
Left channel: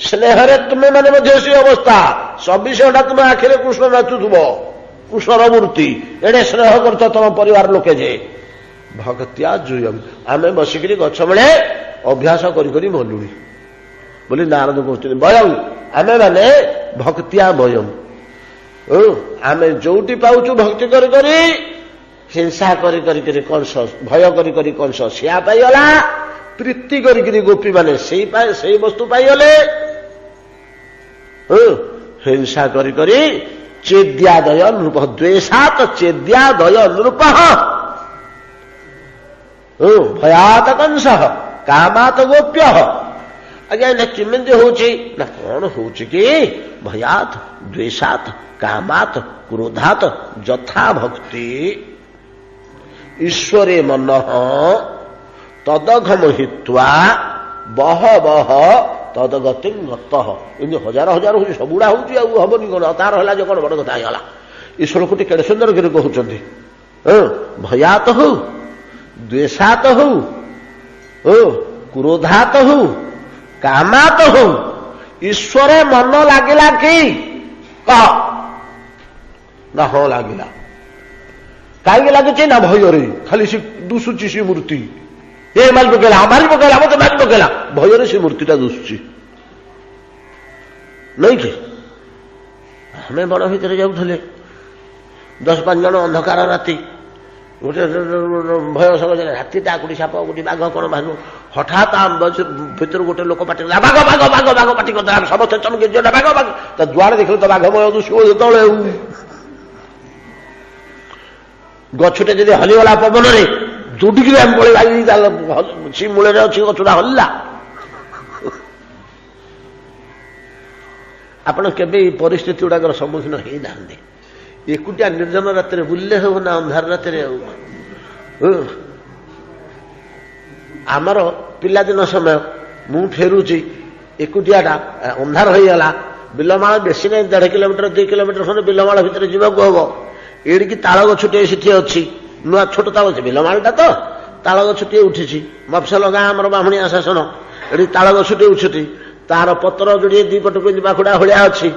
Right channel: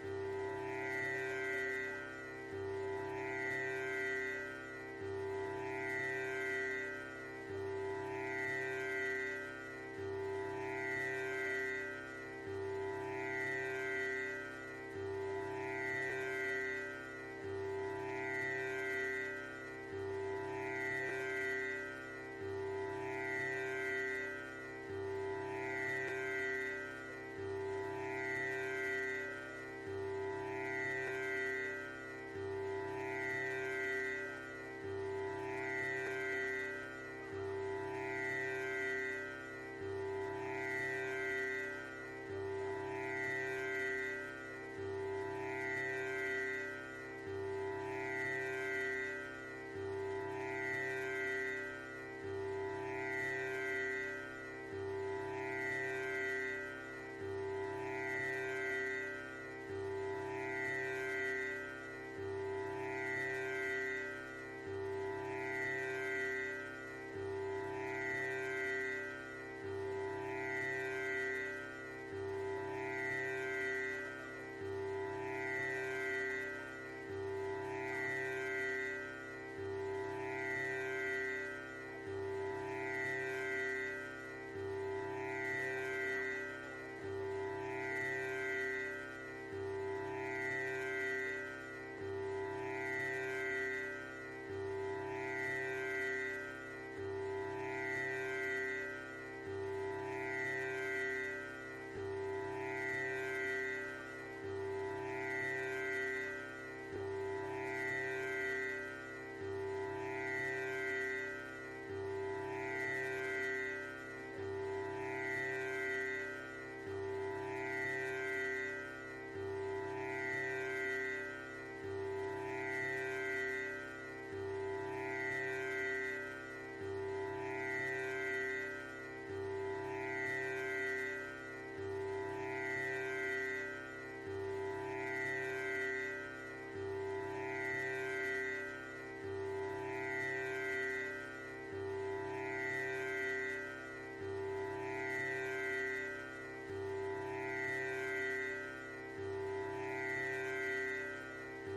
स्नेहरे तुम्हें मैंने मध्य अवस्था 24 घंटा तुम्हें आखिरे कृष्ण नाचुथुब कृष्णर मूर्ति एडे स्नेह कर तुम परिवार लोके जे भक्तिया जुयं आम बसिक गछ बेले अभ्यास करी मलुनी बोली नारद कहते बयं आमे मैंने ଭକ୍ତିଆ ଭୟମ୍। ଆମେ ଯୋଉଠି ପାଉଛୁ ଭକ୍ତି କରି କରି ହିଂସା କରି କରି କଂସ, ଭୟ କରି କରି କଂସ ସିଆ ପାଇଗଲା, ପ୍ରୀତି କରିକିରି ଗୋପୀ ମାନେ ସେଇ ବସ୍ତୁ ପାଇଗଲେ, ହିଂସା କରି କରି ଚେଦ୍ୟାଦୟ ନୃପ, ଦ୍ୱେଷାତ ଚେଦ୍ୟାଦୟ ନୃପ, ଭୟାତ କଂସ କାମାତ ଗୋପ୍ୟ। ଆଜ୍ଞା ଏଇଟା କେମିତି ହଉଛି ନା କଣ ହଉଛି କି ଭୟାତ ଦ୍ୱେଷାତ କାମାତ କ୍ରୋଧାତ ଯଥା ଭକ୍ତି ଈଶ୍ୱରେ ମନଃ ତଦଘମ ହିତ୍ୱା ବହ ବହ ତଦଗତି ଗତଃ। ଏମିତି ହଜାର ହଜାର ହଉଛି, ସବୁଗୁଡା ହଉଛି ଆଉ ହବନି କଣ, ତାର ହେଲା ଯେ କଣ ବଡ କଥା ହେଇଗଲା। ଈଶ୍ୱରକୁ ଟିକେ କେଡେ ସୁନ୍ଦର କରି କହୁଛନ୍ତି, ଭୟାତ ହଉ ଦ୍ୱେଷାତ ହଉ କ୍ରୋଧାତ ହଉ କାମାତ ହଉ ଈଶ୍ୱର ମନ ଲାଗିଲା କି କହ ନା ହଁ ଲାଗିଲା। କାହିଁକି ଲାଗୁଛି ନା ଭୟରେ, ଖାଲି ସେ ଦୁଶୁଛି ସେ ମୂର୍ତ୍ତି, ଏ ମାରି ପକେଇଲା ମତେ ମାରି ପକେଇଲା, ଭୟରେ ସେ ମୂର୍ତ୍ତିଟା ଦୁଶୁଛି ନାଇଁ କି। ଆମେ ବଣ ଭିତରେ ଯାଉଥିଲେ 10-5 ଜଣ, ଅନ୍ଧକାର ରାତି, ଗୋଟେ ଭୟ ସଙ୍ଗେ ରାତିଟା, କୋଉଠି ସାପ କୋଉଠି ବାଘ କଣ ବାଘ, ହଠାତ୍ ଭିତରୁ ଗୋଟେ ଲୋକ ପାଟି କଲା ବାଘ ବାଘ ବାଘ ବାଘ ପାଟି କରିଦେଲା, ସମସ୍ତେ ଚମକି ବାଘ ବାଘ, ତା ଦୁଆରେ ଦେଖିଲେ ତ ବାଘ ଭୟ ଦୁଶିବ ଯେତେବେଳେ, ଗଛଟେ ଯଦି ହଲିଗଲା ପବନରେ ଦୌଡ଼ିକିରି ଆମେ ପଳେଇବା, ସେ ମୂଳରେ ଅଛି ଗଛଟା ହଲିଲା। ଆପଣ କେବେ ଏଇ ପରିସ୍ଥିତି ଗୁଡାକର ସମ୍ମୁଖୀନ ହେଇନାହାନ୍ତି? ଏକୁଟିଆ ନିର୍ଜନ ରାତିରେ ବୁଲିଲେ ହବ ନା ଅନ୍ଧାର ରାତିରେ ଆଉ। ଆମର ପିଲାଦିନ ସମୟ, ମୁଁ ଫେରୁଛି ଏକୁଟିଆଟା, ଅନ୍ଧାର ହେଇଗଲା, ବିଲମାଳ ବେଶୀ ନାହିଁ, 1.5 କିଲୋମିଟର 2 କିଲୋମିଟର ଖଣ୍ଡେ ବିଲମାଳ ଭିତରେ ଯିବାକୁ ହବ। ଏଡ଼ିକି ତାଳ ଗଛଟିଏ ସେଠି ଅଛି, ନୂଆ ଛୋଟ ତାଳ ଗଛ, ବିଲମାଳଟା ତ ତାଳ ଗଛଟିଏ ଉଠିଛି, ମଫସଲ ଗାଁ ଆମର ବାମୁଣିଆ ଶାସନ, ଏଠି ତାଳ ଗଛଟିଏ ଉଠିଛି, ତାର ପତ୍ର ଯୋଡ଼ିଏ 2 ପଟକୁ ବାଖୁଡା ଭଳିଆ ଅଛି।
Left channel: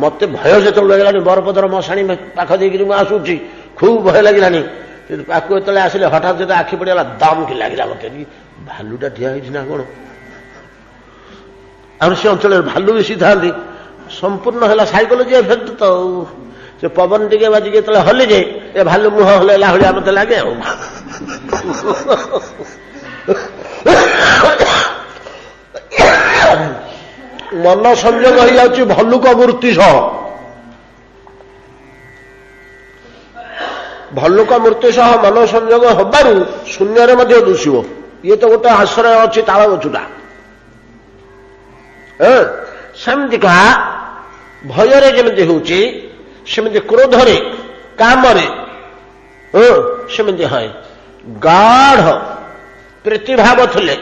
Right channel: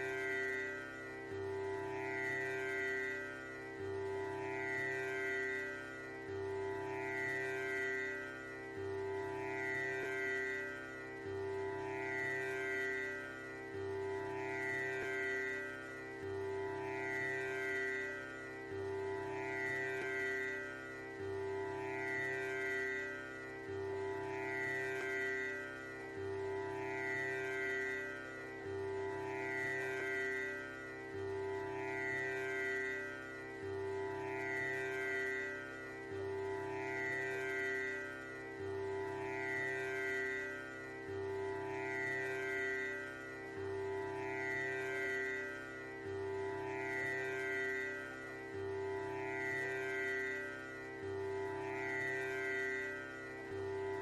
ମତେ ଭୟ ଯେତେବେଳେ ଲାଗିଲାନି, ବରପଦର ମଶାଣି ପାଖ ଦେଇକିରି ମୁଁ ଆସୁଛି, ଖୁବ୍ ଭୟ ଲାଗିଲାନି। ପାଖକୁ ଯେତେବେଳେ ଆସିଲେ ହଠାତ୍ ଯେତେ ଆଖି ପଡ଼ିଗଲା, ଦମ୍ କି ଲାଗିଲା ମତେ, ଭାଲୁଟା ଠିଆ ହେଇଛି ନା କଣ। ଆଉ ସେ ଅଞ୍ଚଳରେ ଭାଲୁ ବେଶୀ ଥାନ୍ତି, ସମ୍ପୂର୍ଣ୍ଣ ହେଲା ସାଇକୋଲୋଜି ଏଫେକ୍ଟ ତ, ସେ ପବନ ଟିକେ ବାଜିକି ଯେତେବେଳେ ହଲିଯାଏ, ଏ ଭାଲୁ ମୁହଁ ହଲେଇଲା ଭଳିଆ ମତେ ଲାଗେ ଆଉ। ମନ ସଂଯୋଗ ହେଇଯାଉଛି ଭଲ୍ଲୁକ ମୂର୍ତ୍ତି ସହ। ଭଲ୍ଲୁକ ମୂର୍ତ୍ତି ସହ ମନ ସଂଯୋଗ ହବାରୁ ଶୂନ୍ୟରେ ମଧ୍ୟ ଦୁଷିବ। ଇଏ ତ ଗୋଟେ ଆଶ୍ରୟ ଅଛି ତାଳ ଗଛଟା। ସେମିତିକା ଭୟରେ ଯେମିତି ହଉଛି, ସେମିତି କ୍ରୋଧରେ କାମରେ ସେମିତି ହଏ। ଗାଢ ପ୍ରୀତିଭାବ ଥିଲେ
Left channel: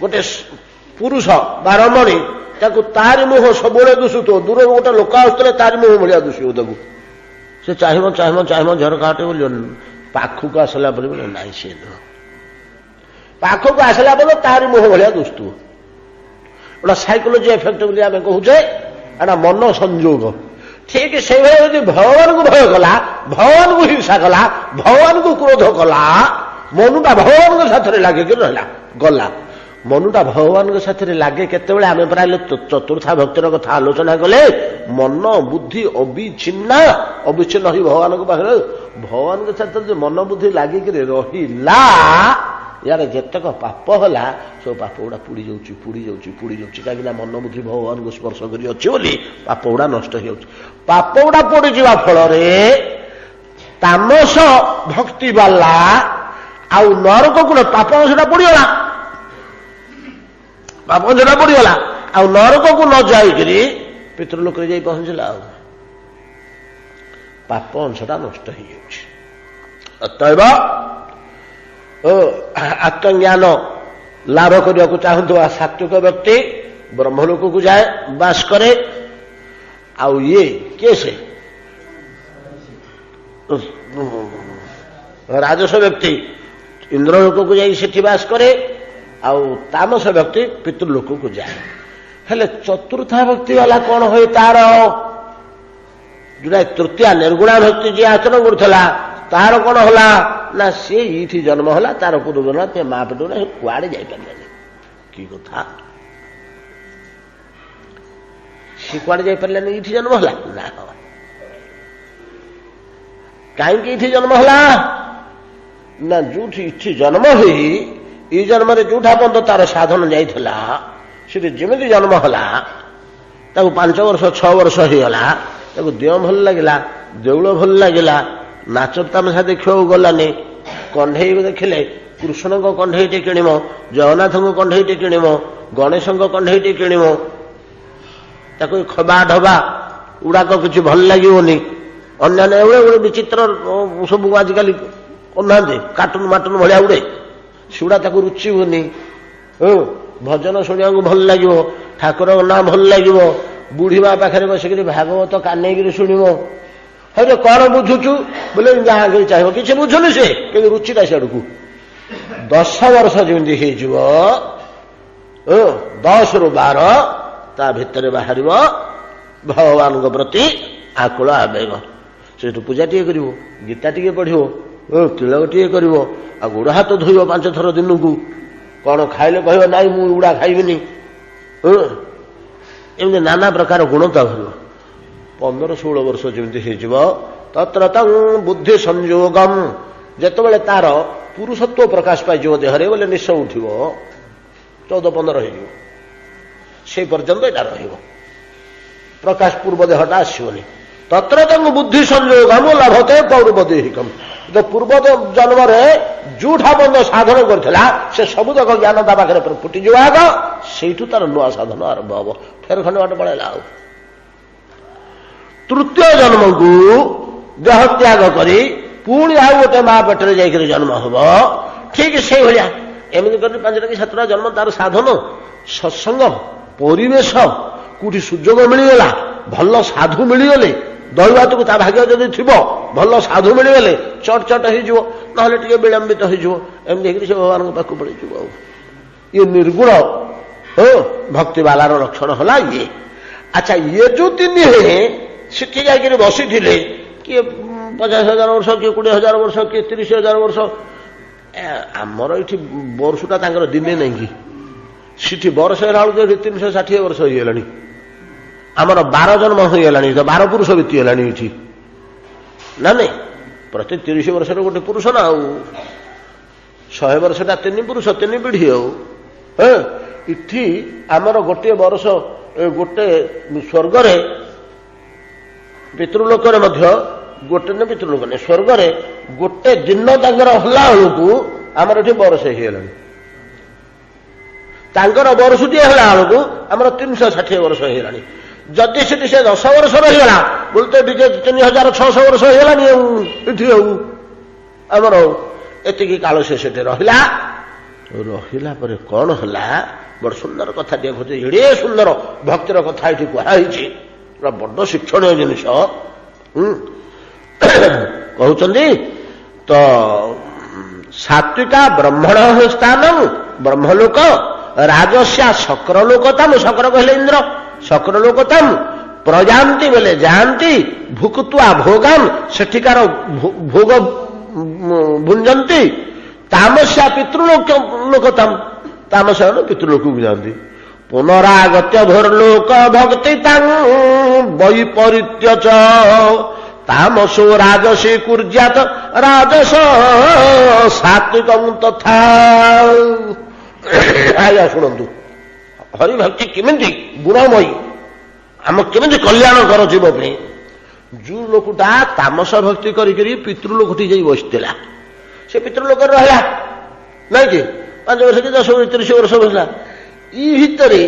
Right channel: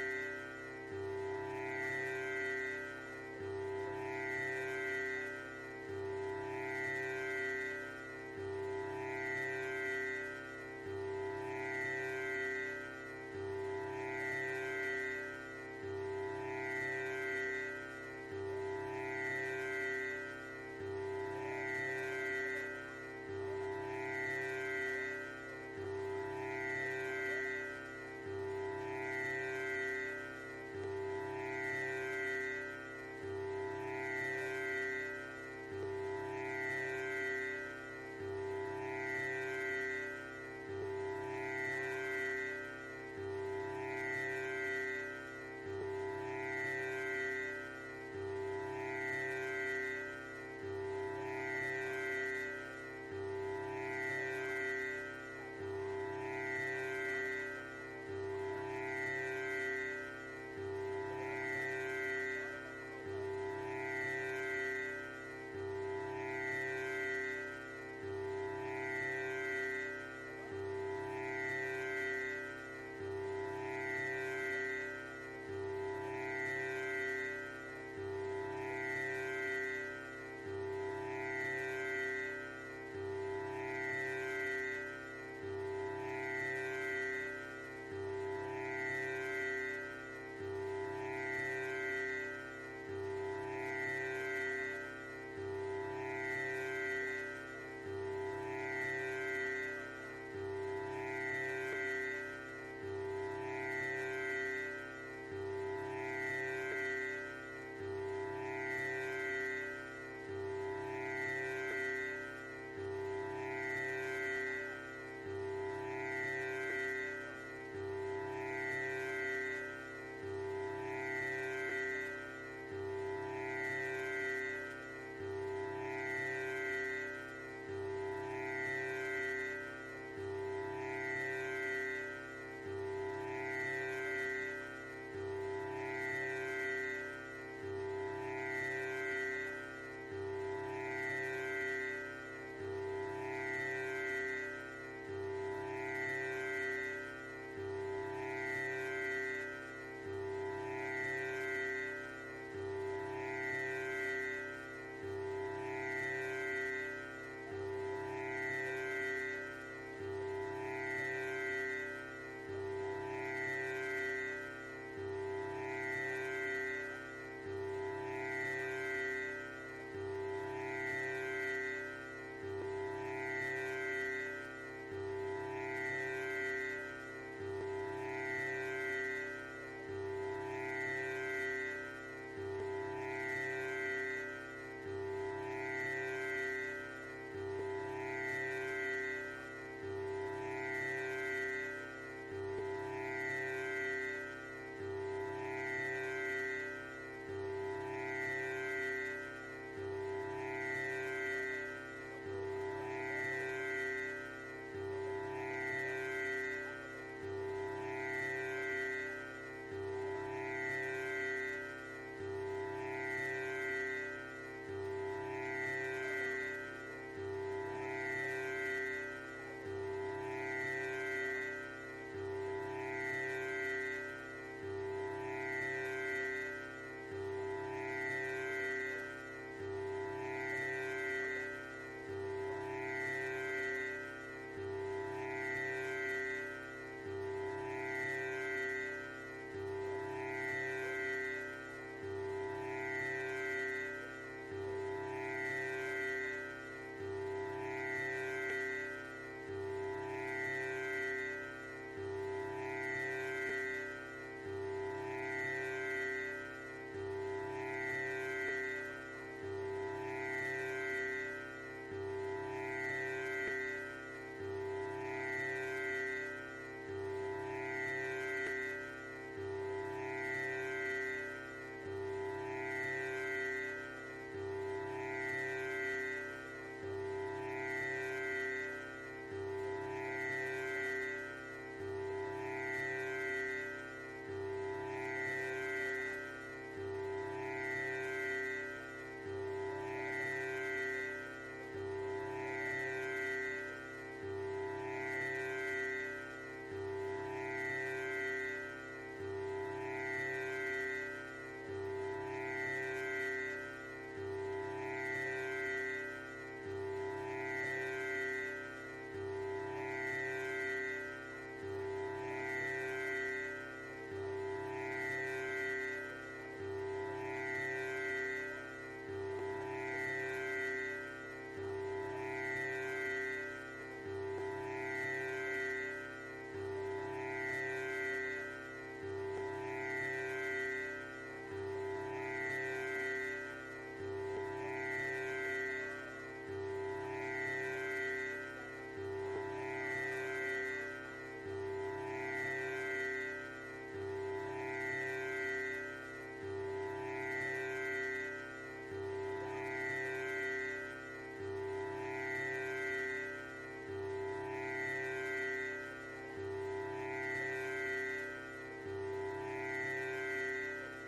ଗୋଟେ ପୁରୁଷ ବା ରମଣୀ, ତାକୁ ତାରି ମୁହଁ ସବୁବେଳେ ଦୁଷୁଥିବ, ଦୂରରୁ ଗୋଟେ ଲୋକ ଆସୁଥିଲେ ତାରି ମୁହଁ ଭଳିଆ ଦୁଷିବ ତାକୁ। ସେ ଚାହିଁବ ଚାହିଁବ ଚାହିଁବ ଝରକାଟେ ବୋଲି, ପାଖକୁ ଆସିଲା ପରେ ବୋଲେ ନାଇଁ ସେ ନୁହଁ, ପାଖକୁ ଆସିଲା ପରେ ତାରି ମୁହଁ ଭଳିଆ ଦୁଷୁଥିବ। ଏଟା ସାଇକୋଲୋଜି ଏଫେକ୍ଟ ବୋଲି ଆମେ କହୁଛେ, ଏଟା ମନ ସଂଯୋଗ। ଠିକ ସେଇଭଳି ଯଦି ଭଗବାନଙ୍କୁ ଭୟ କଲା, ଭଗବାନଙ୍କୁ ହିଂସା କଲା, ଭଗବାନଙ୍କୁ କ୍ରୋଧ କଲା, ମନୁଟା ଭଗବାନଙ୍କ ସାଥିରେ ଲାଗିକି ରହିଲା, ଗଲା। ମନୁଟା ଭଗବାନଙ୍କ ସାଥିରେ ଲାଗେ କେତେବେଳେ? ଆମେ ପ୍ରାୟ ଚତୁର୍ଥା ଭକ୍ତିର କଥା ଆଲୋଚନା କଲେ, ମନ ବୁଦ୍ଧି ଅବିଚ୍ଛିନ୍ନ ହୋଇ ଭଗବାନଙ୍କ ପାଖରେ, ଭଗବାନଙ୍କ ସାଥିରେ ଯେ ମନ ବୁଦ୍ଧି ଲାଗିକିରି ରହିଲା, ୟାର ଯେତେକ ପାପ ହେଲା ସବୁ ପାପ ଗୁଡା ପୋଡ଼ି ଯାଉଛି ପୋଡ଼ି ଯାଉଛି ପୋଡ଼ି ଯାଉଛି। କାହିଁକିନା ମନ ବୁଦ୍ଧି ଭଗବାନଙ୍କୁ ସ୍ପର୍ଶ କରି ଅଛି ବୋଲି ପାପ ଗୁଡା ନଷ୍ଟ ହେଇଯାଉଛି। ପାପ ଗୁଡା ପୋଡ଼ିଯିବା ଫଳରେ ତାମସ ଭକ୍ତି ବାଲା ଆଉ ନରକକୁ ପାପ ଅଂଶଟା ପୋଡ଼ିଗଲା, ପାପ ଅଂଶଟା ପୋଡ଼ିଗଲା, ଆଉ ନରକକୁ ନ ଯାଇକିରି ପିତୃଲୋକରେ ଯାଇ ପହଞ୍ଚିଲା, ଆଉ ପାପ ଅଂଶଟା ନଷ୍ଟ ହେଇଯାଉଛି। ଅତଏବ ଆତ୍ମଜ୍ଞାନ ଲାଭ କରିବାକୁ ଚାହୁଁଥିବା ସାତ୍ୱିକ ବ୍ୟକ୍ତି ବ୍ରହ୍ମଲୋକକୁ ଯାଏ, ବାସ କରେ। ଆଉ ଇଏ କିଏ? ସେ ରାଜସ ବ୍ୟକ୍ତି ଇନ୍ଦ୍ରଲୋକକୁ ଯାଇ ସେଠି ବାସ କରେ, ଆଉ ତାମସ ବ୍ୟକ୍ତି ପିତୃଲୋକକୁ ଯାଏ। ହେଲେ ଚତୁର୍ଥା ଭକ୍ତି ବାଲା କଣ ହୁଏ? ତାର ଯୋଉଟା ତୃତୀୟା ନିର୍ଗୁଣା ଭକ୍ତି ଯିଏ ଆଚରଣ କରୁଥିଲା, ତାର କଣ ହେଲା ନା ସିଏ ଏଇଠି ଜନ୍ମ ହେଲା, ତାର ପୂର୍ବ ଜନ୍ମ ମା ପେଟ କୁଆଡେ ଯାଇପାରିଲାନି। କି କଥା! ସେ କୁଆଡ଼େ ଯାଇପାରିଲାନି, ଏଇଠି ଜନ୍ମ ହେଲା ନା। କାହିଁକି ଏଇଠି ଜନ୍ମ ହେଲା ନା, ଯୋଉଠି ଏଠି ଜନ୍ମ ହୋଇ ଏଇ ଜନ୍ମରେ ଯୋଉଠା ପର୍ଯ୍ୟନ୍ତ ତାର ସାଧନ ଯାଇଥିଲା ସେଠି ଯେମିତି ଜନ୍ମ ହେଲା, ତାକୁ 5 ବର୍ଷ 6 ବର୍ଷ ହେଇଗଲା, ତାକୁ ଦେହ ଭଲ ଲାଗିଲା, ଦେଉଳ ଭଲ ଲାଗିଲା, ନାଚ ତାମସା ଦେଖିବାକୁ ଗଲାନି। କଣ୍ଢେଇ ଦେଖିଲେ କୃଷ୍ଣଙ୍କ କଣ୍ଢେଇଟି କିଣିବ, ଜଗନ୍ନାଥଙ୍କ କଣ୍ଢେଇଟି କିଣିବ, ଗଣେଶଙ୍କ କଣ୍ଢେଇଟି କିଣିବ, ତାକୁ ଖବା ଢବା ଗୁଡାକ କିଛି ଭଲ ଲାଗିବନି। ଅନ୍ୟାନ୍ୟ ଏଭଳି ଗୋଟେ ବିଚିତ୍ର ସବୁ ଆଜିକାଲି କରୁନାହାନ୍ତି, କାର୍ଟୁନ ମାଟୁନ ଭଳିଆ ଉଡ଼େ, ସେଗୁଡ଼ା ତାକୁ ରୁଚିବନି। ଭଜନ ଶୁଣିବାକୁ ଭଲ ଲାଗିବ, ଠାକୁରଙ୍କ ନାଁ ଭଲ ଲାଗିବ, ବୁଢୀ ମା ପାଖରେ ବସିକିରି ଭାଗବତ କାନେଇକିରି ଶୁଣିବ। ହରେ କଣ ବୁଝୁଛୁ ବୋଲେ ଯାହା ଚାହିଁବ, କିଛି ବୁଝୁନି ସେ, କିନ୍ତୁ ରୁଚିଟା ସିଆଡ଼କୁ। 10 ବର୍ଷ ଯେମିତି ହେଇଯିବ, 10 ରୁ 12 ତା ଭିତରେ ବାହାରିବ ଭଗବାନଙ୍କ ପ୍ରତି ଆକୁଳ ଆବେଗ। ସେଠୁ ପୂଜା ଟିକେ କରିବ, ଗୀତା ଟିକେ ପଢିବ, ତିଳକ ଟିକେ କରିବ, ଆଉ ଗୋଡ଼ ହାତ ଧୋଇବ 5 ଥର ଦିନକୁ। କଣ ଖାଇଲେ କହିବ ନାଇଁ ମୁଁ ଏଗୁଡ଼ା ଖାଇବିନି। ଏମିତି ନାନା ପ୍ରକାର ଗୁଣ ତା ଭରିବ। 15-16 ବର୍ଷ ଯେମିତି ହେଇଯିବ, ତତ୍ର ତଂ ବୁଦ୍ଧି ସଂଯୋଗମ୍, ଯେତେବେଳେ ତାର ପୁରୁଷତ୍ୱ ପ୍ରକାଶ ପାଇଯିବ ଦେହରେ, ବୋଲେ ନିଶ ଉଠିବ, 14-15 ହେଇଯିବ, ସେଇ ପର୍ଯ୍ୟନ୍ତ ଏଇଟା ରହିବ, ପ୍ରକାଶ ପୂର୍ବ ଦେହଟା ଆସିବନି। ତତ୍ର ତଂ ବୁଦ୍ଧି ସଂଯୋଗମ୍ ଲଭତେ ପୌରୁପଦେହିକମ୍, ପୂର୍ବ ଜନ୍ମରେ ଯୋଉଠା ବନ୍ଧ ସାଧନ କରିଥିଲା ସେ ସବୁଯାକ ଜ୍ଞାନ ତା ପାଖରେ ଫୁଟିଯିବ ଆଗ, ସେଇଠୁ ତାର ନୂଆ ସାଧନ ଆରମ୍ଭ ହବ। ଫେର ଖଣ୍ଡେ ବାଟ ପଳେଇଲା। ଆଉ ତୃତୀୟ ଜନ୍ମକୁ ଦେହ ତ୍ୟାଗ କରି ପୁଣି ଆଉ ଗୋଟେ ମା ପେଟରେ ଯାଇକରି ଜନ୍ମ ହବ। ଠିକ ସେଇଭଳିଆ ଏମିତି କରି 5ଟା କି 7ଟା ଜନ୍ମ ତାର ସାଧନ, ସତ୍ସଙ୍ଗ, ପରିବେଶ, କୋଉଠି ସୁଯୋଗ ମିଳିଗଲା, ଭଲ ସାଧୁ ମିଳିଗଲେ, ଦୈବାତକୁ ତା ଭାଗ୍ୟ ଯଦି ଥିବ, ଭଲ ସାଧୁ ମିଳିଗଲେ ଚଟ ଚଟ ହେଇଯିବ, ନହେଲେ ଟିକେ ବିଳମ୍ବିତ ହେଇଯିବ। ଏମିତି ହେଇକି ସେ ଭଗବାନଙ୍କ ପାଖକୁ ପଳେଇଯିବ। ଆଉ ଇଏ ନିର୍ଗୁଣ ଭକ୍ତିବାଲାର ଲକ୍ଷଣ ହେଲା ଇଏ। ଆଚ୍ଛା, ଇଏ ଯୋଉ 3 ସେଠି ଯାଇକିରି ବସିଥିଲେ, କିଏ 50,000 ବର୍ଷ, କିଏ 20,000 ବର୍ଷ, କିଏ 30,000 ବର୍ଷ। ଆମର ଏଇଠି ବର୍ଷଟା ତାଙ୍କର ଦିନେ ନାହିଁ କି, ସେଠି ବର୍ଷ ହେଲା ବେଳକୁ ଏଠି 360 ବର୍ଷ ହେଇଗଲାଣି। ଆମର 12 ଜନ୍ମ ହୋଇଗଲାଣି, 12 ପୁରୁଷ ବିତିଗଲାଣି ଏଠି ନା ନାଇଁ। ପ୍ରତି 30 ବର୍ଷରେ ଗୋଟେ ପୁରୁଷ ନା, ଆଉ 100 ବର୍ଷଟା 3 ପୁରୁଷ, 3 ପିଢ଼ି। ଆଉ ଏଠି ଆମର ଗୋଟିଏ ବର୍ଷ, ଗୋଟେ ସ୍ୱର୍ଗରେ, ପିତୃଲୋକରେ ମଧ୍ୟ ଗୋଟେ ନା, ପିତୃଲୋକ ନାହିଁ, ସ୍ୱର୍ଗରେ ଗୋଟେ ଦିନ ତାଙ୍କର ହେଲା ବେଳକୁ ଆମର ଏଠି ବର୍ଷ ହେଇଗଲାଣି। ତାଙ୍କର ବର୍ଷଟିଏ ହେଲା ବେଳକୁ ଆମର 360 ବର୍ଷ ହେଇଗଲାଣି। ଯଦି ସେଠି ସେ 10 ବର୍ଷ ରହିଗଲା ବୋଲେ ତ ଟିକେ 3,600 ବର୍ଷ ହେଇଗଲାଣି। ଆଉ ଏଠି ଆଉ ଆମର ଏତିକି କାଳ ସେ ସେଠି ରହିଲା। ରହିଲା ପରେ କଣ ହେଲା, ବଡ ସୁନ୍ଦର କଥା ଟିକେ କହୁଛି। ଏଡେ ସୁନ୍ଦର ଭକ୍ତିର କଥା ଏଠି କୁହାଯାଇଛି, ବଡ ଶିକ୍ଷଣୀୟ ଜିନିଷ। କହୁଛନ୍ତି ତ ସାତ୍ବିକା ବ୍ରହ୍ମଣ ସ୍ଥାନ ବ୍ରହ୍ମଲୋକ, ରାଜସ୍ୟା ଶକ୍ରଲୋକତମ, ଶକ୍ର କହିଲେ ଇନ୍ଦ୍ର, ଶକ୍ରଲୋକତମ, ପ୍ରଜାନ୍ତି ବୋଲେ ଯାଆନ୍ତି, ଭୁକ୍ତ୍ୱା ଭୋଗାନ୍, ସେଠିକାର ଭୋଗ ଭୁଞ୍ଜନ୍ତି, ତାମସ୍ୟା ପିତୃଲୋକତମ, ତାମସ ପିତୃଲୋକକୁ ଯାଆନ୍ତି, ପୁନରାଗତ୍ୟ ଭୋର୍ଲୋକ ଭକ୍ତି ତାଂ ବୈପରୀତ୍ୟ ତାମସୋ ରାଜସୀ କୁର୍ଜାତ ରାଜସ ସାତ୍ବିକଂ ତଥା। ଆଜ୍ଞା ଶୁଣନ୍ତୁ, ହରିଭକ୍ତି କେମିତି ଗୁଣମୟୀ, ଆମ କେମିତି କଲ୍ୟାଣ କର ଜୀବ ପାଇଁ। ଯୋଉ ଲୋକଟା ତାମସ ଭକ୍ତି କରିକରି ପିତୃଲୋକଠି ଯାଇ ବସିଥିଲା, ସେ ପିତୃଲୋକରେ ରହିଲା ନାଇଁ କି, 5 ବର୍ଷ କି 10 ବର୍ଷ 30 ବର୍ଷ ବସିଲା। ଇ ଭିତରେ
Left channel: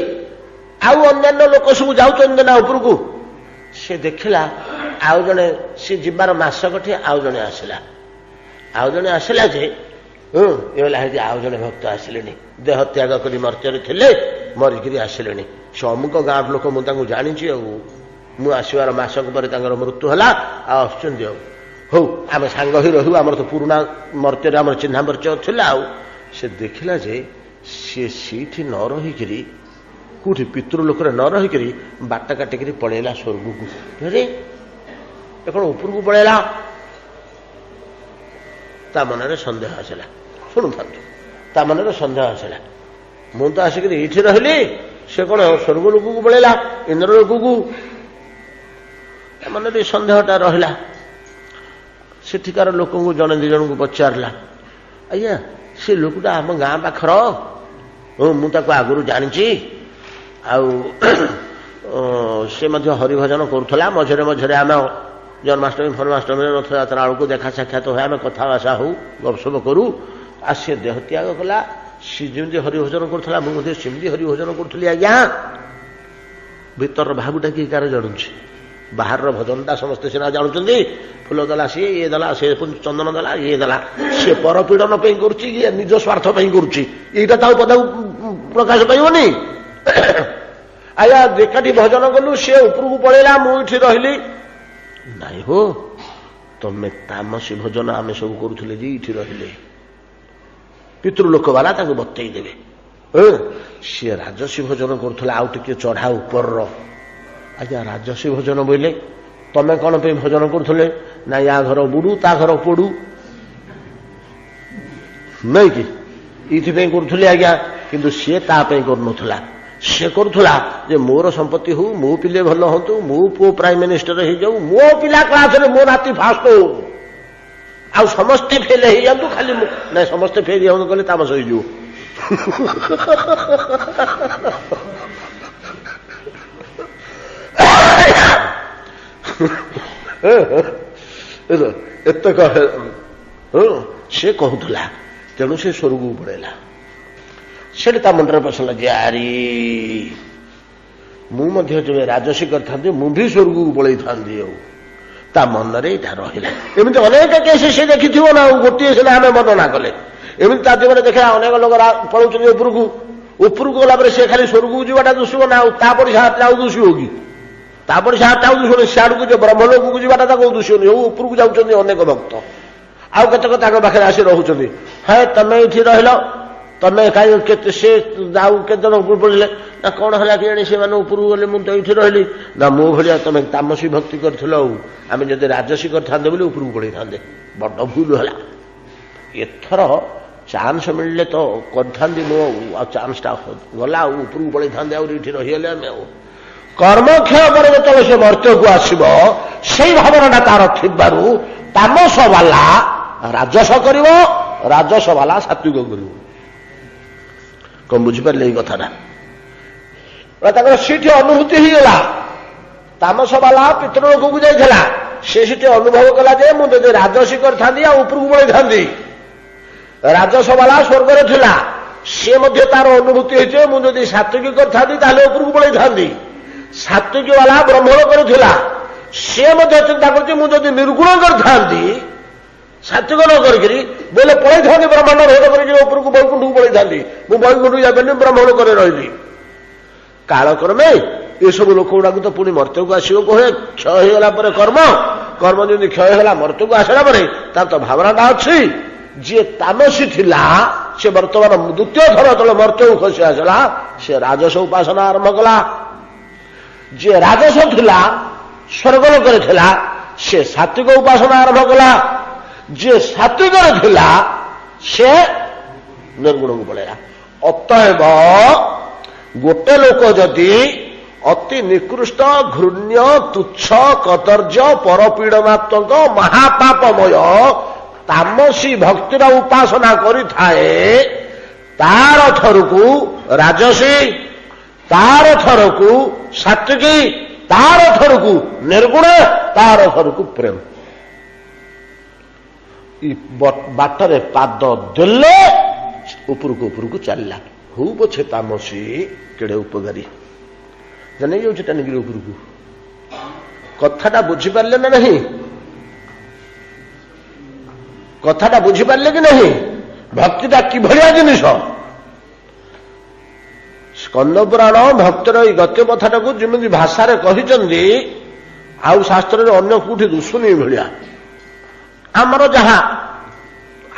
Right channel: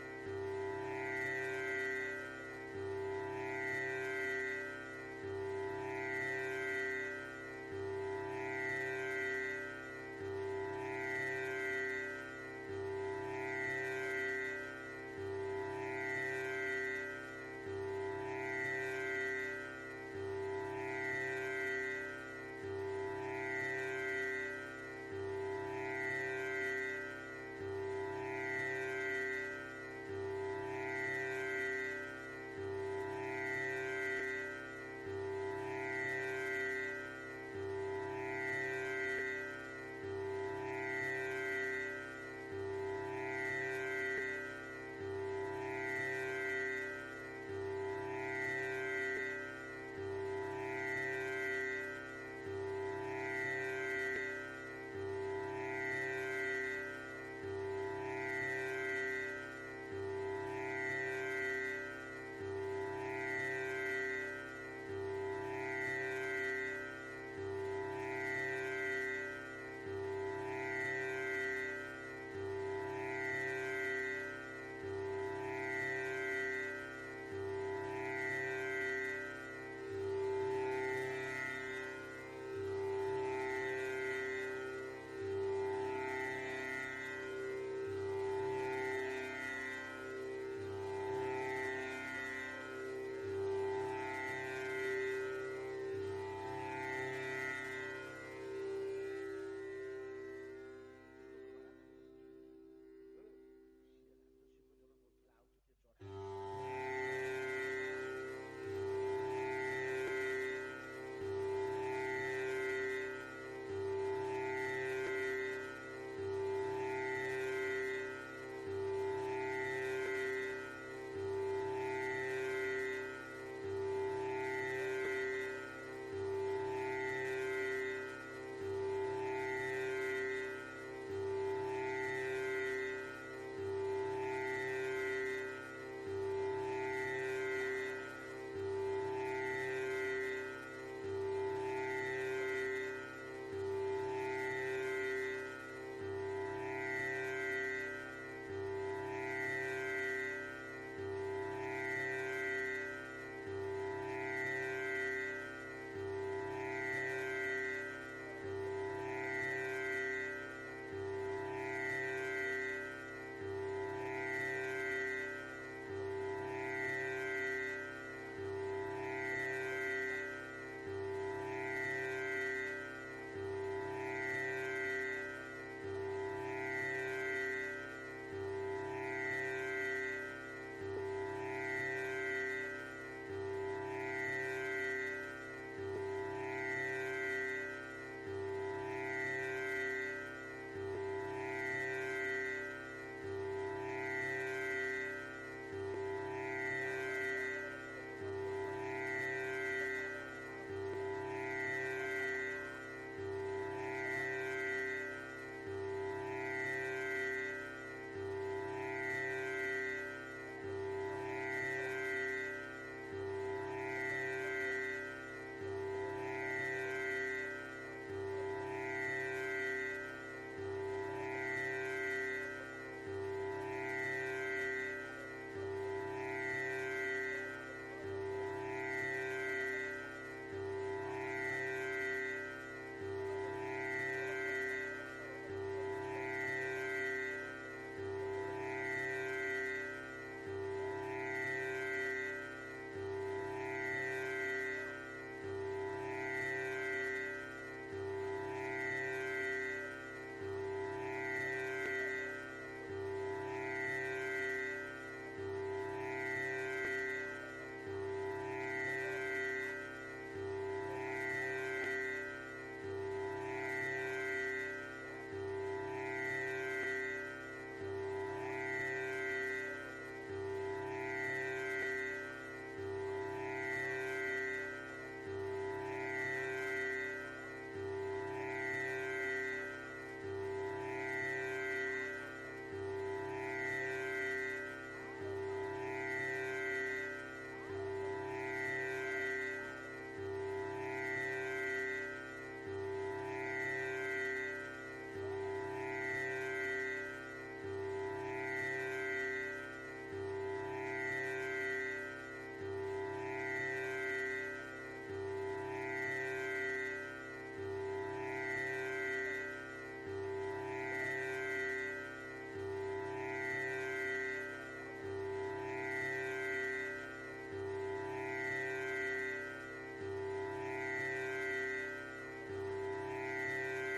ଆଉ ଅନ୍ୟାନ୍ୟ ଲୋକ ସବୁ ଯାଉଛନ୍ତି ନା ଉପରକୁ। ସେ ଦେଖିଲା ଆଉ ଜଣେ, ସେ ଯିବାର ମାସକଠି ଆଉ ଜଣେ ଆସିଲା। ଆଉ ଜଣେ ଆସିଲା ଯେ ଆଉ ଜଣେ ଭକ୍ତ ଆସିଲେଣି, ଦେହ ତ୍ୟାଗ କରି ମର୍ତ୍ତ୍ୟରେ ଥିଲେ, ମରିକିରି ଆସିଲେଣି। ସେ ଅମୁକ ଗାଁ ଲୋକ, ମୁଁ ତାଙ୍କୁ ଜାଣିଛି, ଆଉ ମୁଁ ଆସିବାର ମାସକ ପରେ ତାଙ୍କର ମୃତ୍ୟୁ ହେଲା, ଆଉ ଆସୁଛନ୍ତି। ଆଉ ହଉ ଆମେ ସାଙ୍ଗ ହୋଇ ରହିବୁ, ଆମର ତ ପୁରୁଣା ମର୍ତ୍ତ୍ୟରେ ଆମର ଚିହ୍ନା ପରିଚୟ ଥିଲା। ଆଉ ସେ ଦେଖିଲା ଯେ ସିଏ ସେଇଠି ନ ରହିକିରି, କୋଉଠି ପିତୃଲୋକରେ ନ ରହିକିରି ବାଟ କାଟିକିରି ପଳେଇଲା ସ୍ୱର୍ଗକୁ। ରେ ଏ କଣ ଉପରକୁ ପଳେଇଲା? ତା ମନରେ ସନ୍ଦେହ ଆସିଲା। ଶୁଣୁଥାନ୍ତୁ, ତା ମନରେ ସନ୍ଦେହ ଆସିଲା, ମୁଁ ତ ଆସିକିରି ଏଇଠି ରହିଲି, से कौन स्वर्ग लोक को पलैला इंद्र लोक को मन सन्देहटा रहा सेठिकार लोक जड़े दी जन को पचारा आज्ञा से लोकटा आम गाँ पाखर मुझे आगुरी जानी से हरिभजन करूला मझे मझे आम जन्माष्टमी फन्माष्टमी रथयात्रा बेलू देखा साक्षात हुए आम कथबार्ता हो गपसप करूँ आ सी देह त्याग कला सी जमी हरिभजन करूला मुझे सेमती हरिभजन करी आज्ञा भीतर भावटा किए कार जानुची बाहर भजनटा समस्ते सीना जानते फूल देला सी ये देला सी चंदन देला ये देला सी परपीड़न कर निज स्वार्थ करुटा पदा प्रकाश पाइबनी आया एकाठी भजन कलु सी उपरକୁ पलैला मुझे रही नाई हो तमे तामसी भजन आम सब करुले ये रहिले पितृलोक वाला बतई देवे सी राजसी भजन करुला आउ टे चढ़ा ऊपर आज्ञा राजसी भजन बोले तमें कौन पे भजन करुले ना या घर बुड़ू ता घर पड़ू नहीं कि ये करुले आज्ञा किंतु सी तापाई करुला सी करुला जे मोर संपत्ति हो मो पिले भल हूँ मो पु प्राइम मिनिस्टर हो जाऊ मो पिला क्लास मो नाती फास्ट हो आ समस्ते फेल हो जातु खाली ना समस्ते फेल जाऊँ कहले तामस हो एत सी कहूला तेणु से स्वर्ग को पड़ेला से मंडर पसला जे आरी मुझे राजसी करते मुझे स्वर्ग को पलि था मन रे रहा एमती अनेक केस से देखी ना गोटे सीना आम वर्णना कले एमती जीवन देखा अनेक लोग पलाउं उपरको गला सी खाली स्वर्ग को जाटा दुष्ब ना तापड़ी से दुष्ब कि तापड़ी से दुष्ब सियाड़ को ब्रह्मलोक को जाटा दुष्बनी उपरको जाऊँच अनेक भक्त आउ कतक पाखे आसी रोच है तमें ये रहिल तमें कहीं से जाऊ के पड़े ना कौन है कि से उपरको गले मुझे ये रही ना मो भाया तुम तामसी भक्ति कर आम जब राजसी करते बोले उपरको पड़े था बड़ भूल है एथर चांस मिलले तो करी मो चांसटा गला उपरको पड़े था रहीगले आम कर्मक्षय पर जो से मर्त्य को आसब से भावना तार थी तामस वाला राजस कर राजस वाला सात्विक कर कौन बुझिपारे ये कथा सीठी अनुभूति ही गला तामस वाला पितृलोक को जाइला से अनुभव कला जे मुझे राजसी करता उपरको पड़े था राजस वाला स्वर्ग थिला सी तार अनुभूति होती मुझे सात्विक करता उपरको पड़े था सात्विक वाला ब्रह्मलोक करुला सी चिंता कर निर्गुण करता सात्विक न करी बोले पड़े था ब्रह्मांड भेद करपरको वैकुंठ को पड़े था वैकुंठ जाबे ब्रह्मलोक रही कालक्रमे ये सब लोक गुड़ा तो पुणी मर्त्य को आसो कहे क्षय होगा कर्म कर्म जमी क्षय होगा मर्त्य को आसला तार तो भावनाटा अच्छी जी तामसी थिला से बर्तमान द्वितीय थर जो मर्त्य को खसी आसला से राजस उपासना आरंभ कला जी राजस थिला स्वर्गलोक थिला से सात्विक उपासना आरंभ कला जी सात्विक थिला से निर्गुण को पड़ेगा अतएव गोटे लोक जदि अति निकृष्ट घृण्य तुच्छ कदर्य परपीड़नात्मक महापापमय तामसी भक्तिर उपासना करिथाए तार थरकू राजसी तार थरकू सात्विकी तार थरकू निर्गुण तार थरकू प्रेम बाटरे पाद देले उपरको चलला हूँ पछे तामसी केड़े उपकारी जाने जाऊँ टाणिक उपरको कथाटा बुझीपारे ना नहीं कथाटा बुझीपारे कि नहीं भक्तिटा कि जिनिस स्कंदपुराण भक्तर ये गत्य कथाटा को जमी भाषा कही आउ शास्त्र अन्य कौटी दुशुनी भाया आमर जहा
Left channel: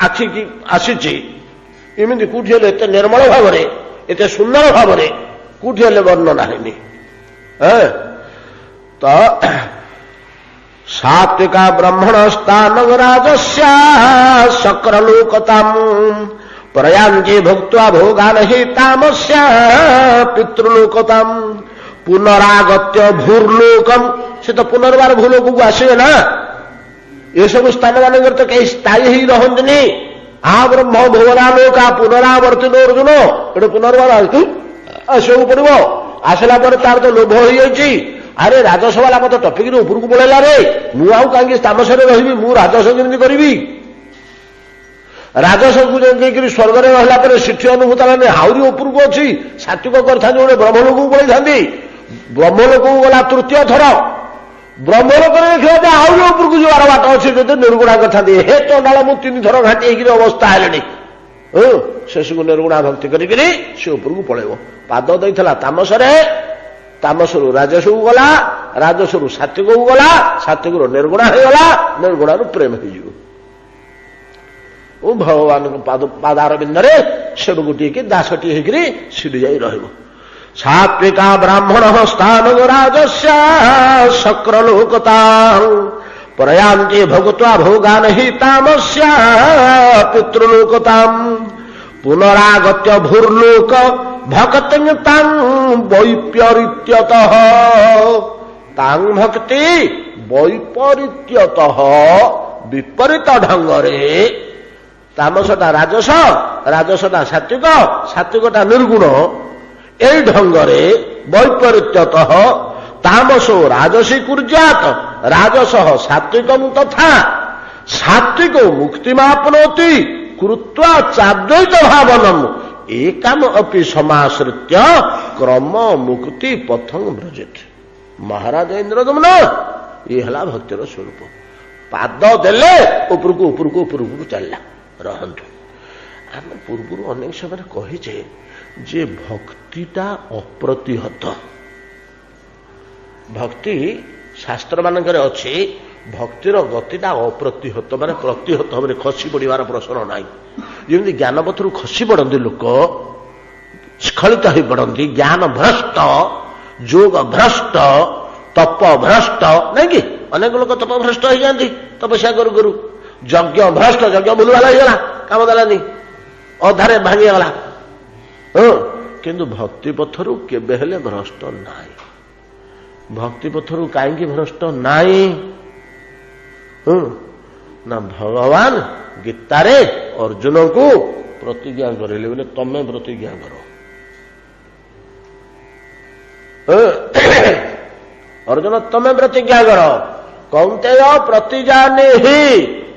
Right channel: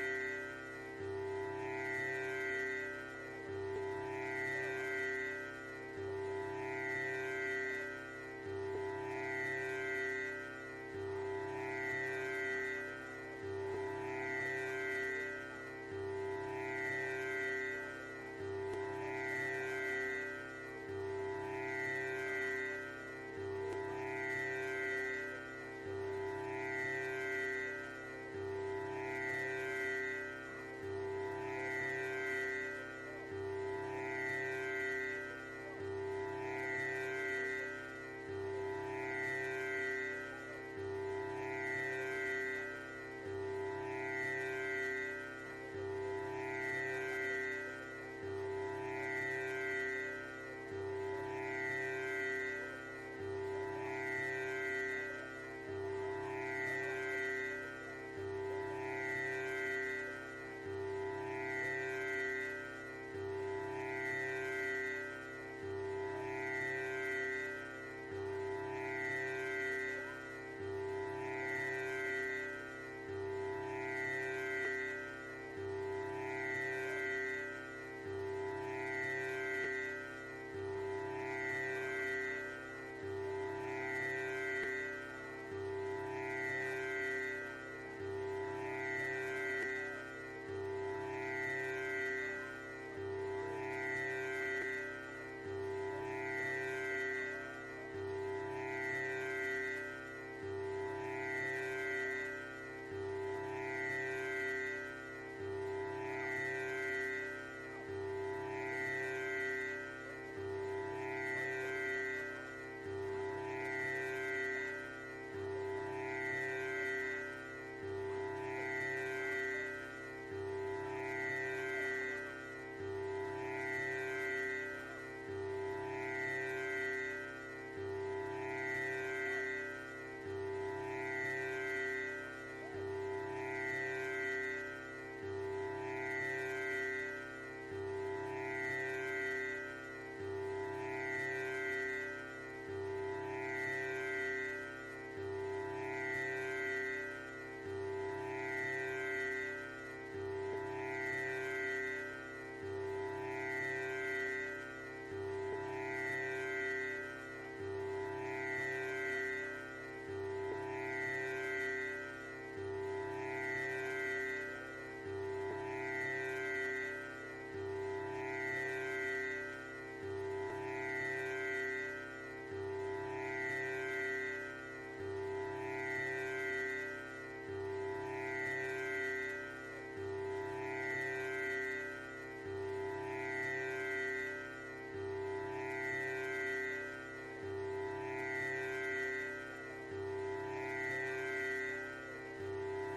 आखि की आसी इमती कौटी एत निर्मल भाव एत सुंदर भाव कौटी वर्णना है तो सात्विका ब्रह्मण स्थान राजस्या शक्रलोकताम प्रयांजे भुक्त्वा भोगान हि तामस्या पितृलोकताम पुनरागत्य भूर्लोकम से तो पुनर्बार भूलोक को आसवे ना ये सब स्थान मान तो कहीं स्थायी ही रहंतनी आ ब्रह्म भुवनालोक पुनरावर्तित अर्जुन ये पुनर्बार आसवाक पड़ो आसला तार तो लोभ हो जाइए अरे राजसभा मत टपिक उपरको पड़ेगा रे मुझे कहीं तामसरे रही मु राजस केमी करी राजस को जाकर स्वर्ग में रहा सिठी अनुभूत आहरी उपरको अच्छी सात्विक करते गोटे ब्रह्मलोक को पड़े ब्रह्मलोक को गला तृतीय थर ब्रह्मलोक देखा आहरी उपरको जबार बाट अच्छे जो निर्गुणा करते हे चंडाल मु 3 थर घाटी अवस्था है शेष को निर्गुणा भक्ति करी से उपरको पड़ेब पाद देता तामसरे तामसरु राजस को गला राजसरु सात्विक को गला सात्विक निर्गुणा हो गला निर्गुणा प्रेम हो भगवान पादार बिंदरे सेडु गोटे दासटी होकर सीढ़ी जा रहा सात्विका ब्राह्मण स्थान राजस्या शक्रलोकता प्रयांते भोगत्वा भोगान हि तामस्या पितृलोकताम पुनरागत्य भूर्लोक भक्ति वैपरीत्यतः तांग भक्ति वैपरीत्यतः विपरीत ढंगरे तामसटा राजस राजसटा सात्विक सात्विकटा निर्गुण ए ढंगरे वैपरीत्यतः तामसो राजसी कुर्यात राजस सात्विकं तथा सात्विको मुक्तिमाप्नोति कृत्वा चाद्वैत भावनम एकम अपि समाश्रित्य क्रम मुक्ति पथं व्रजेत महाराज इंद्रदमन ये हला भक्तिर स्वरूप पाद देले उपरको उपरको उपरको चलला रहंतु आम पूर्व अनेक समय कहीचे जे भक्तिटा अप्रतिहत भक्ति शास्त्र मानकर अच्छी भक्तिर गतिटा अप्रतिहत माने प्रतिहत भाव खसी पड़ार प्रश्न ना जमी ज्ञान पथर खसी पड़ती लोक स्खलित हो पड़ती ज्ञान भ्रष्ट जोग भ्रष्ट तप भ्रष्ट नहीं कि अनेक लोग तप भ्रष्ट हो जाती तपस्या करू करू यज्ञ भ्रष्ट यज्ञ भूलवाला होगा काम देलानी अधारे भांगीगला किंतु भक्ति पथर केबे हेले भ्रष्ट नाई भक्ति पथर कहीं भ्रष्ट नाई ना भगवान गीतारे अर्जुन को प्रतिज्ञा करेले बोले तमें प्रतिज्ञा करो अर्जुन तमें प्रतिज्ञा करो कौंतेय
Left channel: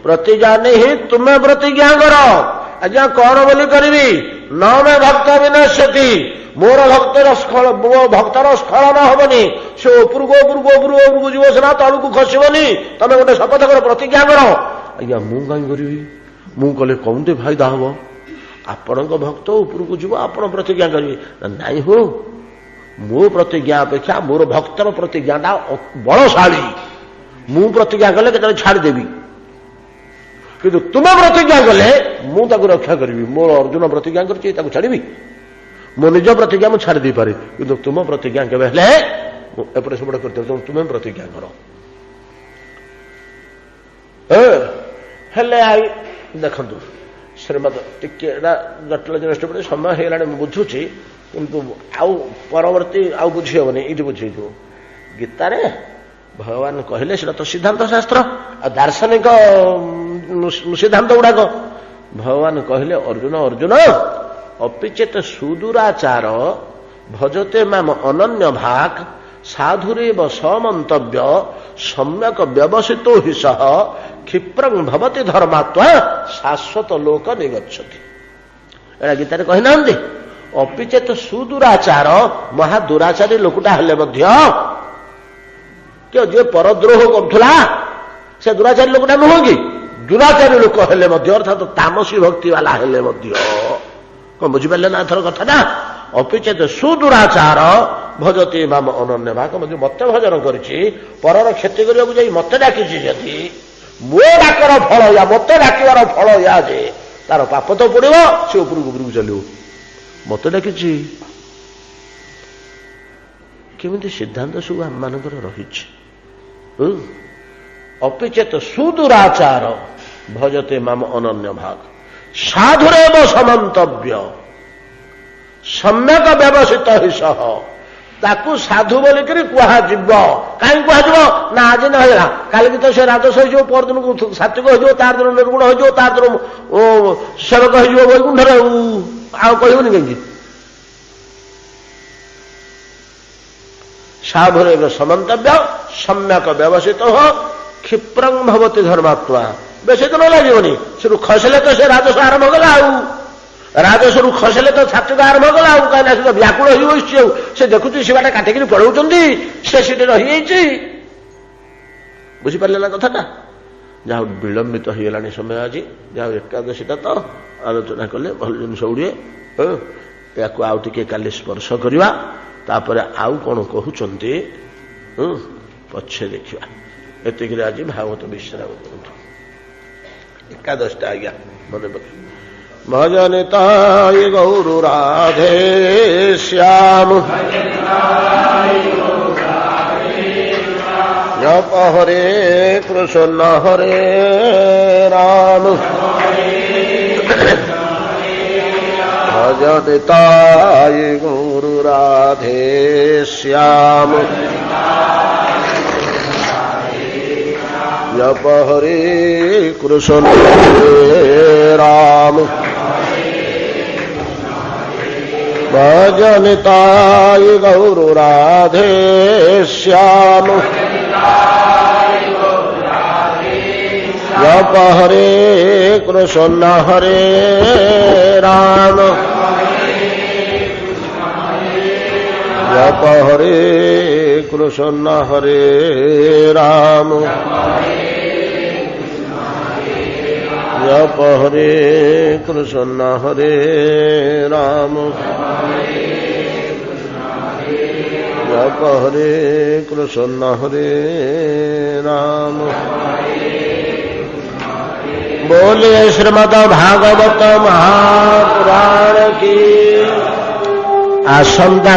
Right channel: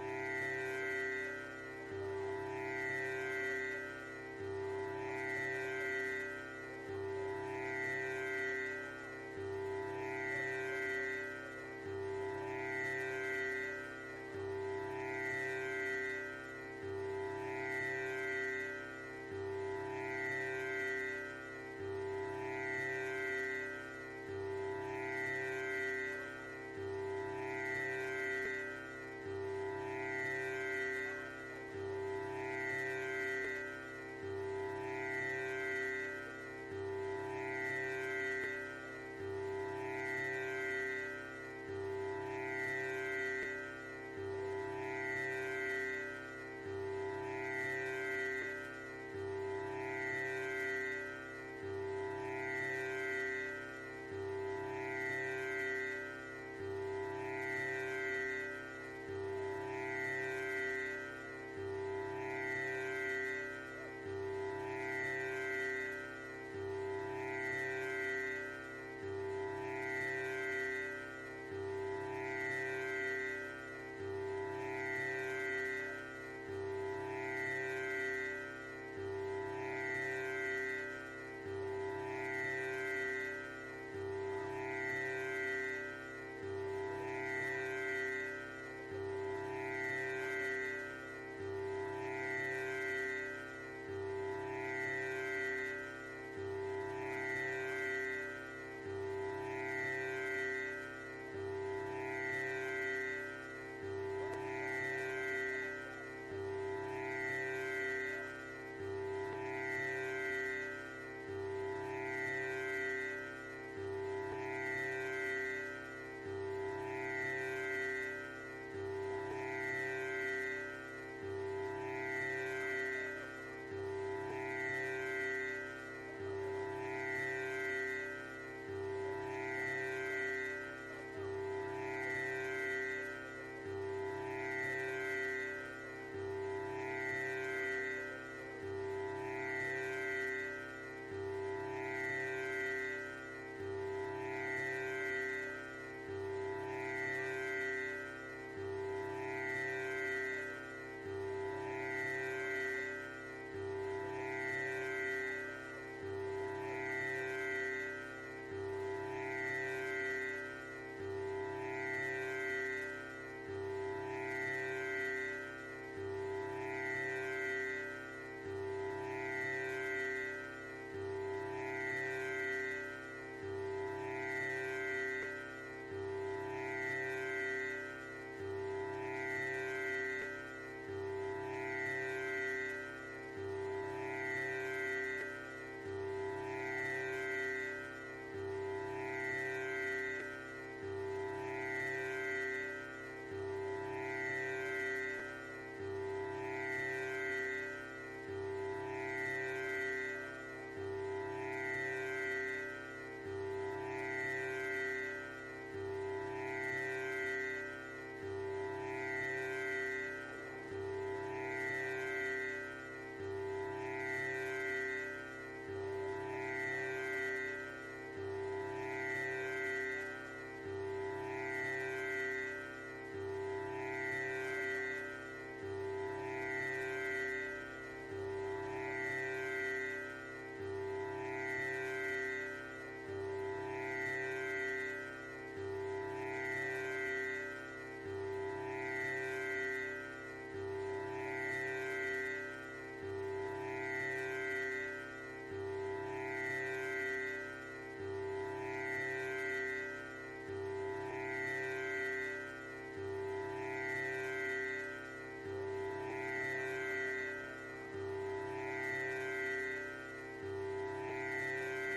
प्रतिजाने ही तुम्हें प्रतिज्ञा करो आज्ञा कौन बोली करी न में भक्त विनश्यति मोर भक्तर भक्तर स्खलन हेनी से उपरको जीव सीना तलू को खसबनी तमें गोटे शपथ कर प्रतिज्ञा कर आज्ञा मु कहीं करी मु कले कौंते फायदा हम आपण भक्त उपरको जीव आप प्रतिज्ञा करेंगे नाई हो मो प्रतिज्ञा अपेक्षा मोर भक्तर प्रतिज्ञाटा बलशाली मु प्रतिज्ञा कले के छाड़देवी किंतु तुम प्रतिज्ञा कले मुझे रक्षा करी मोर अर्जुन प्रतिज्ञा कर छाड़ी मो निज प्रतिज्ञा मुझे छाड़ी पारे कि तुम प्रतिज्ञा केवे एपटे सेपटे कर तुम्हें प्रतिज्ञा कर देखु श्रीमद टे जटिल जिनिस समय होगा बुझुची किंतु आउ परवर्ती आउ बुझी हेनी ये बुझे गीतार भगवान कहले तो सिद्धांत शास्त्र दार्शनिक सिद्धांत गुड़ाक भगवान कहले अर्जुन अर्जुन अपिचेत सुदूराचार भजते माम अनन्य भाग साधुरेव समन्तव्य सम्यक व्यवसितो हि सह क्षिप्रं भवति धर्मात्मा शाश्वत लोक निगच्छति एड़ा गीतारे कहि नांदी अपिचेत सुदूराचार महादुराचारी लोकटा हेले मध्य जे परद्रोह करुला से दुराचारी लोकटा नुह कि दुराचारी लोक हेले मध्य अर्थात तामसी भक्ति वाला हेले मध्य कौन बुझिपारे ना एथर कथा अपिचेत सुदुराचार भजती माम अनन्य भाग मत भजन करी परर क्षति करने को मत डाकी जदि मो डाकर फल या मत डाकिबार फल या जे तार पाप तो पड़ो से उपरको उपरको चलो मत डाकी केमी सिद्धांत सब आम मानकर रही अपिचेत सुदुराचार भजते माम अनन्य भाग साधुरेव समन्तव्य सम्यक व्यवसित हि सह ताकू साधु बोलिक कहुब कहीं कहुब ना आज न होगा काल की तो से राजस हो परदिन को सात्विक हो तार दिन निर्गुण हो तार दिन सेवक हो वैकुंठर कहबनी कहीं साधुरेव समन्तव्य सम्यक व्यवसित हो क्षिप्रंग भवती धर्मात्मा बेसी तो न लगे से खसले तो से राजस्व आरंभ कला राजस्व खसले तो सात्विक आरंभ कला कहीं से व्याकुल हो से देखुची सीटा काटिक पढ़ाऊँ से रही बुझीपारे ना कथा जहाँ विलंबित हो गला समय आज जहाँ एकादशीटा तो आलोचना कले भल जिन गुड़े या आउ टे काली स्पर्श करवा तापर आउ कौन कहते पछे देखा एतिक आज भागवत विश्राम एकादशटा आज्ञा मन भजनिताय गौर राधे श्याम जप हरे कृष्ण हरे राम भजनिताय गौर राधे श्याम जप हरे कृष्ण हरे राम भजनिताय गौर राधे श्याम जप हरे कृष्ण हरे राम जप हरे कृष्ण हरे राम जप हरे कृष्ण हरे राम जप हरे कृष्ण हरे राम बोले श्रीमद् भागवत महापुराण की आसंता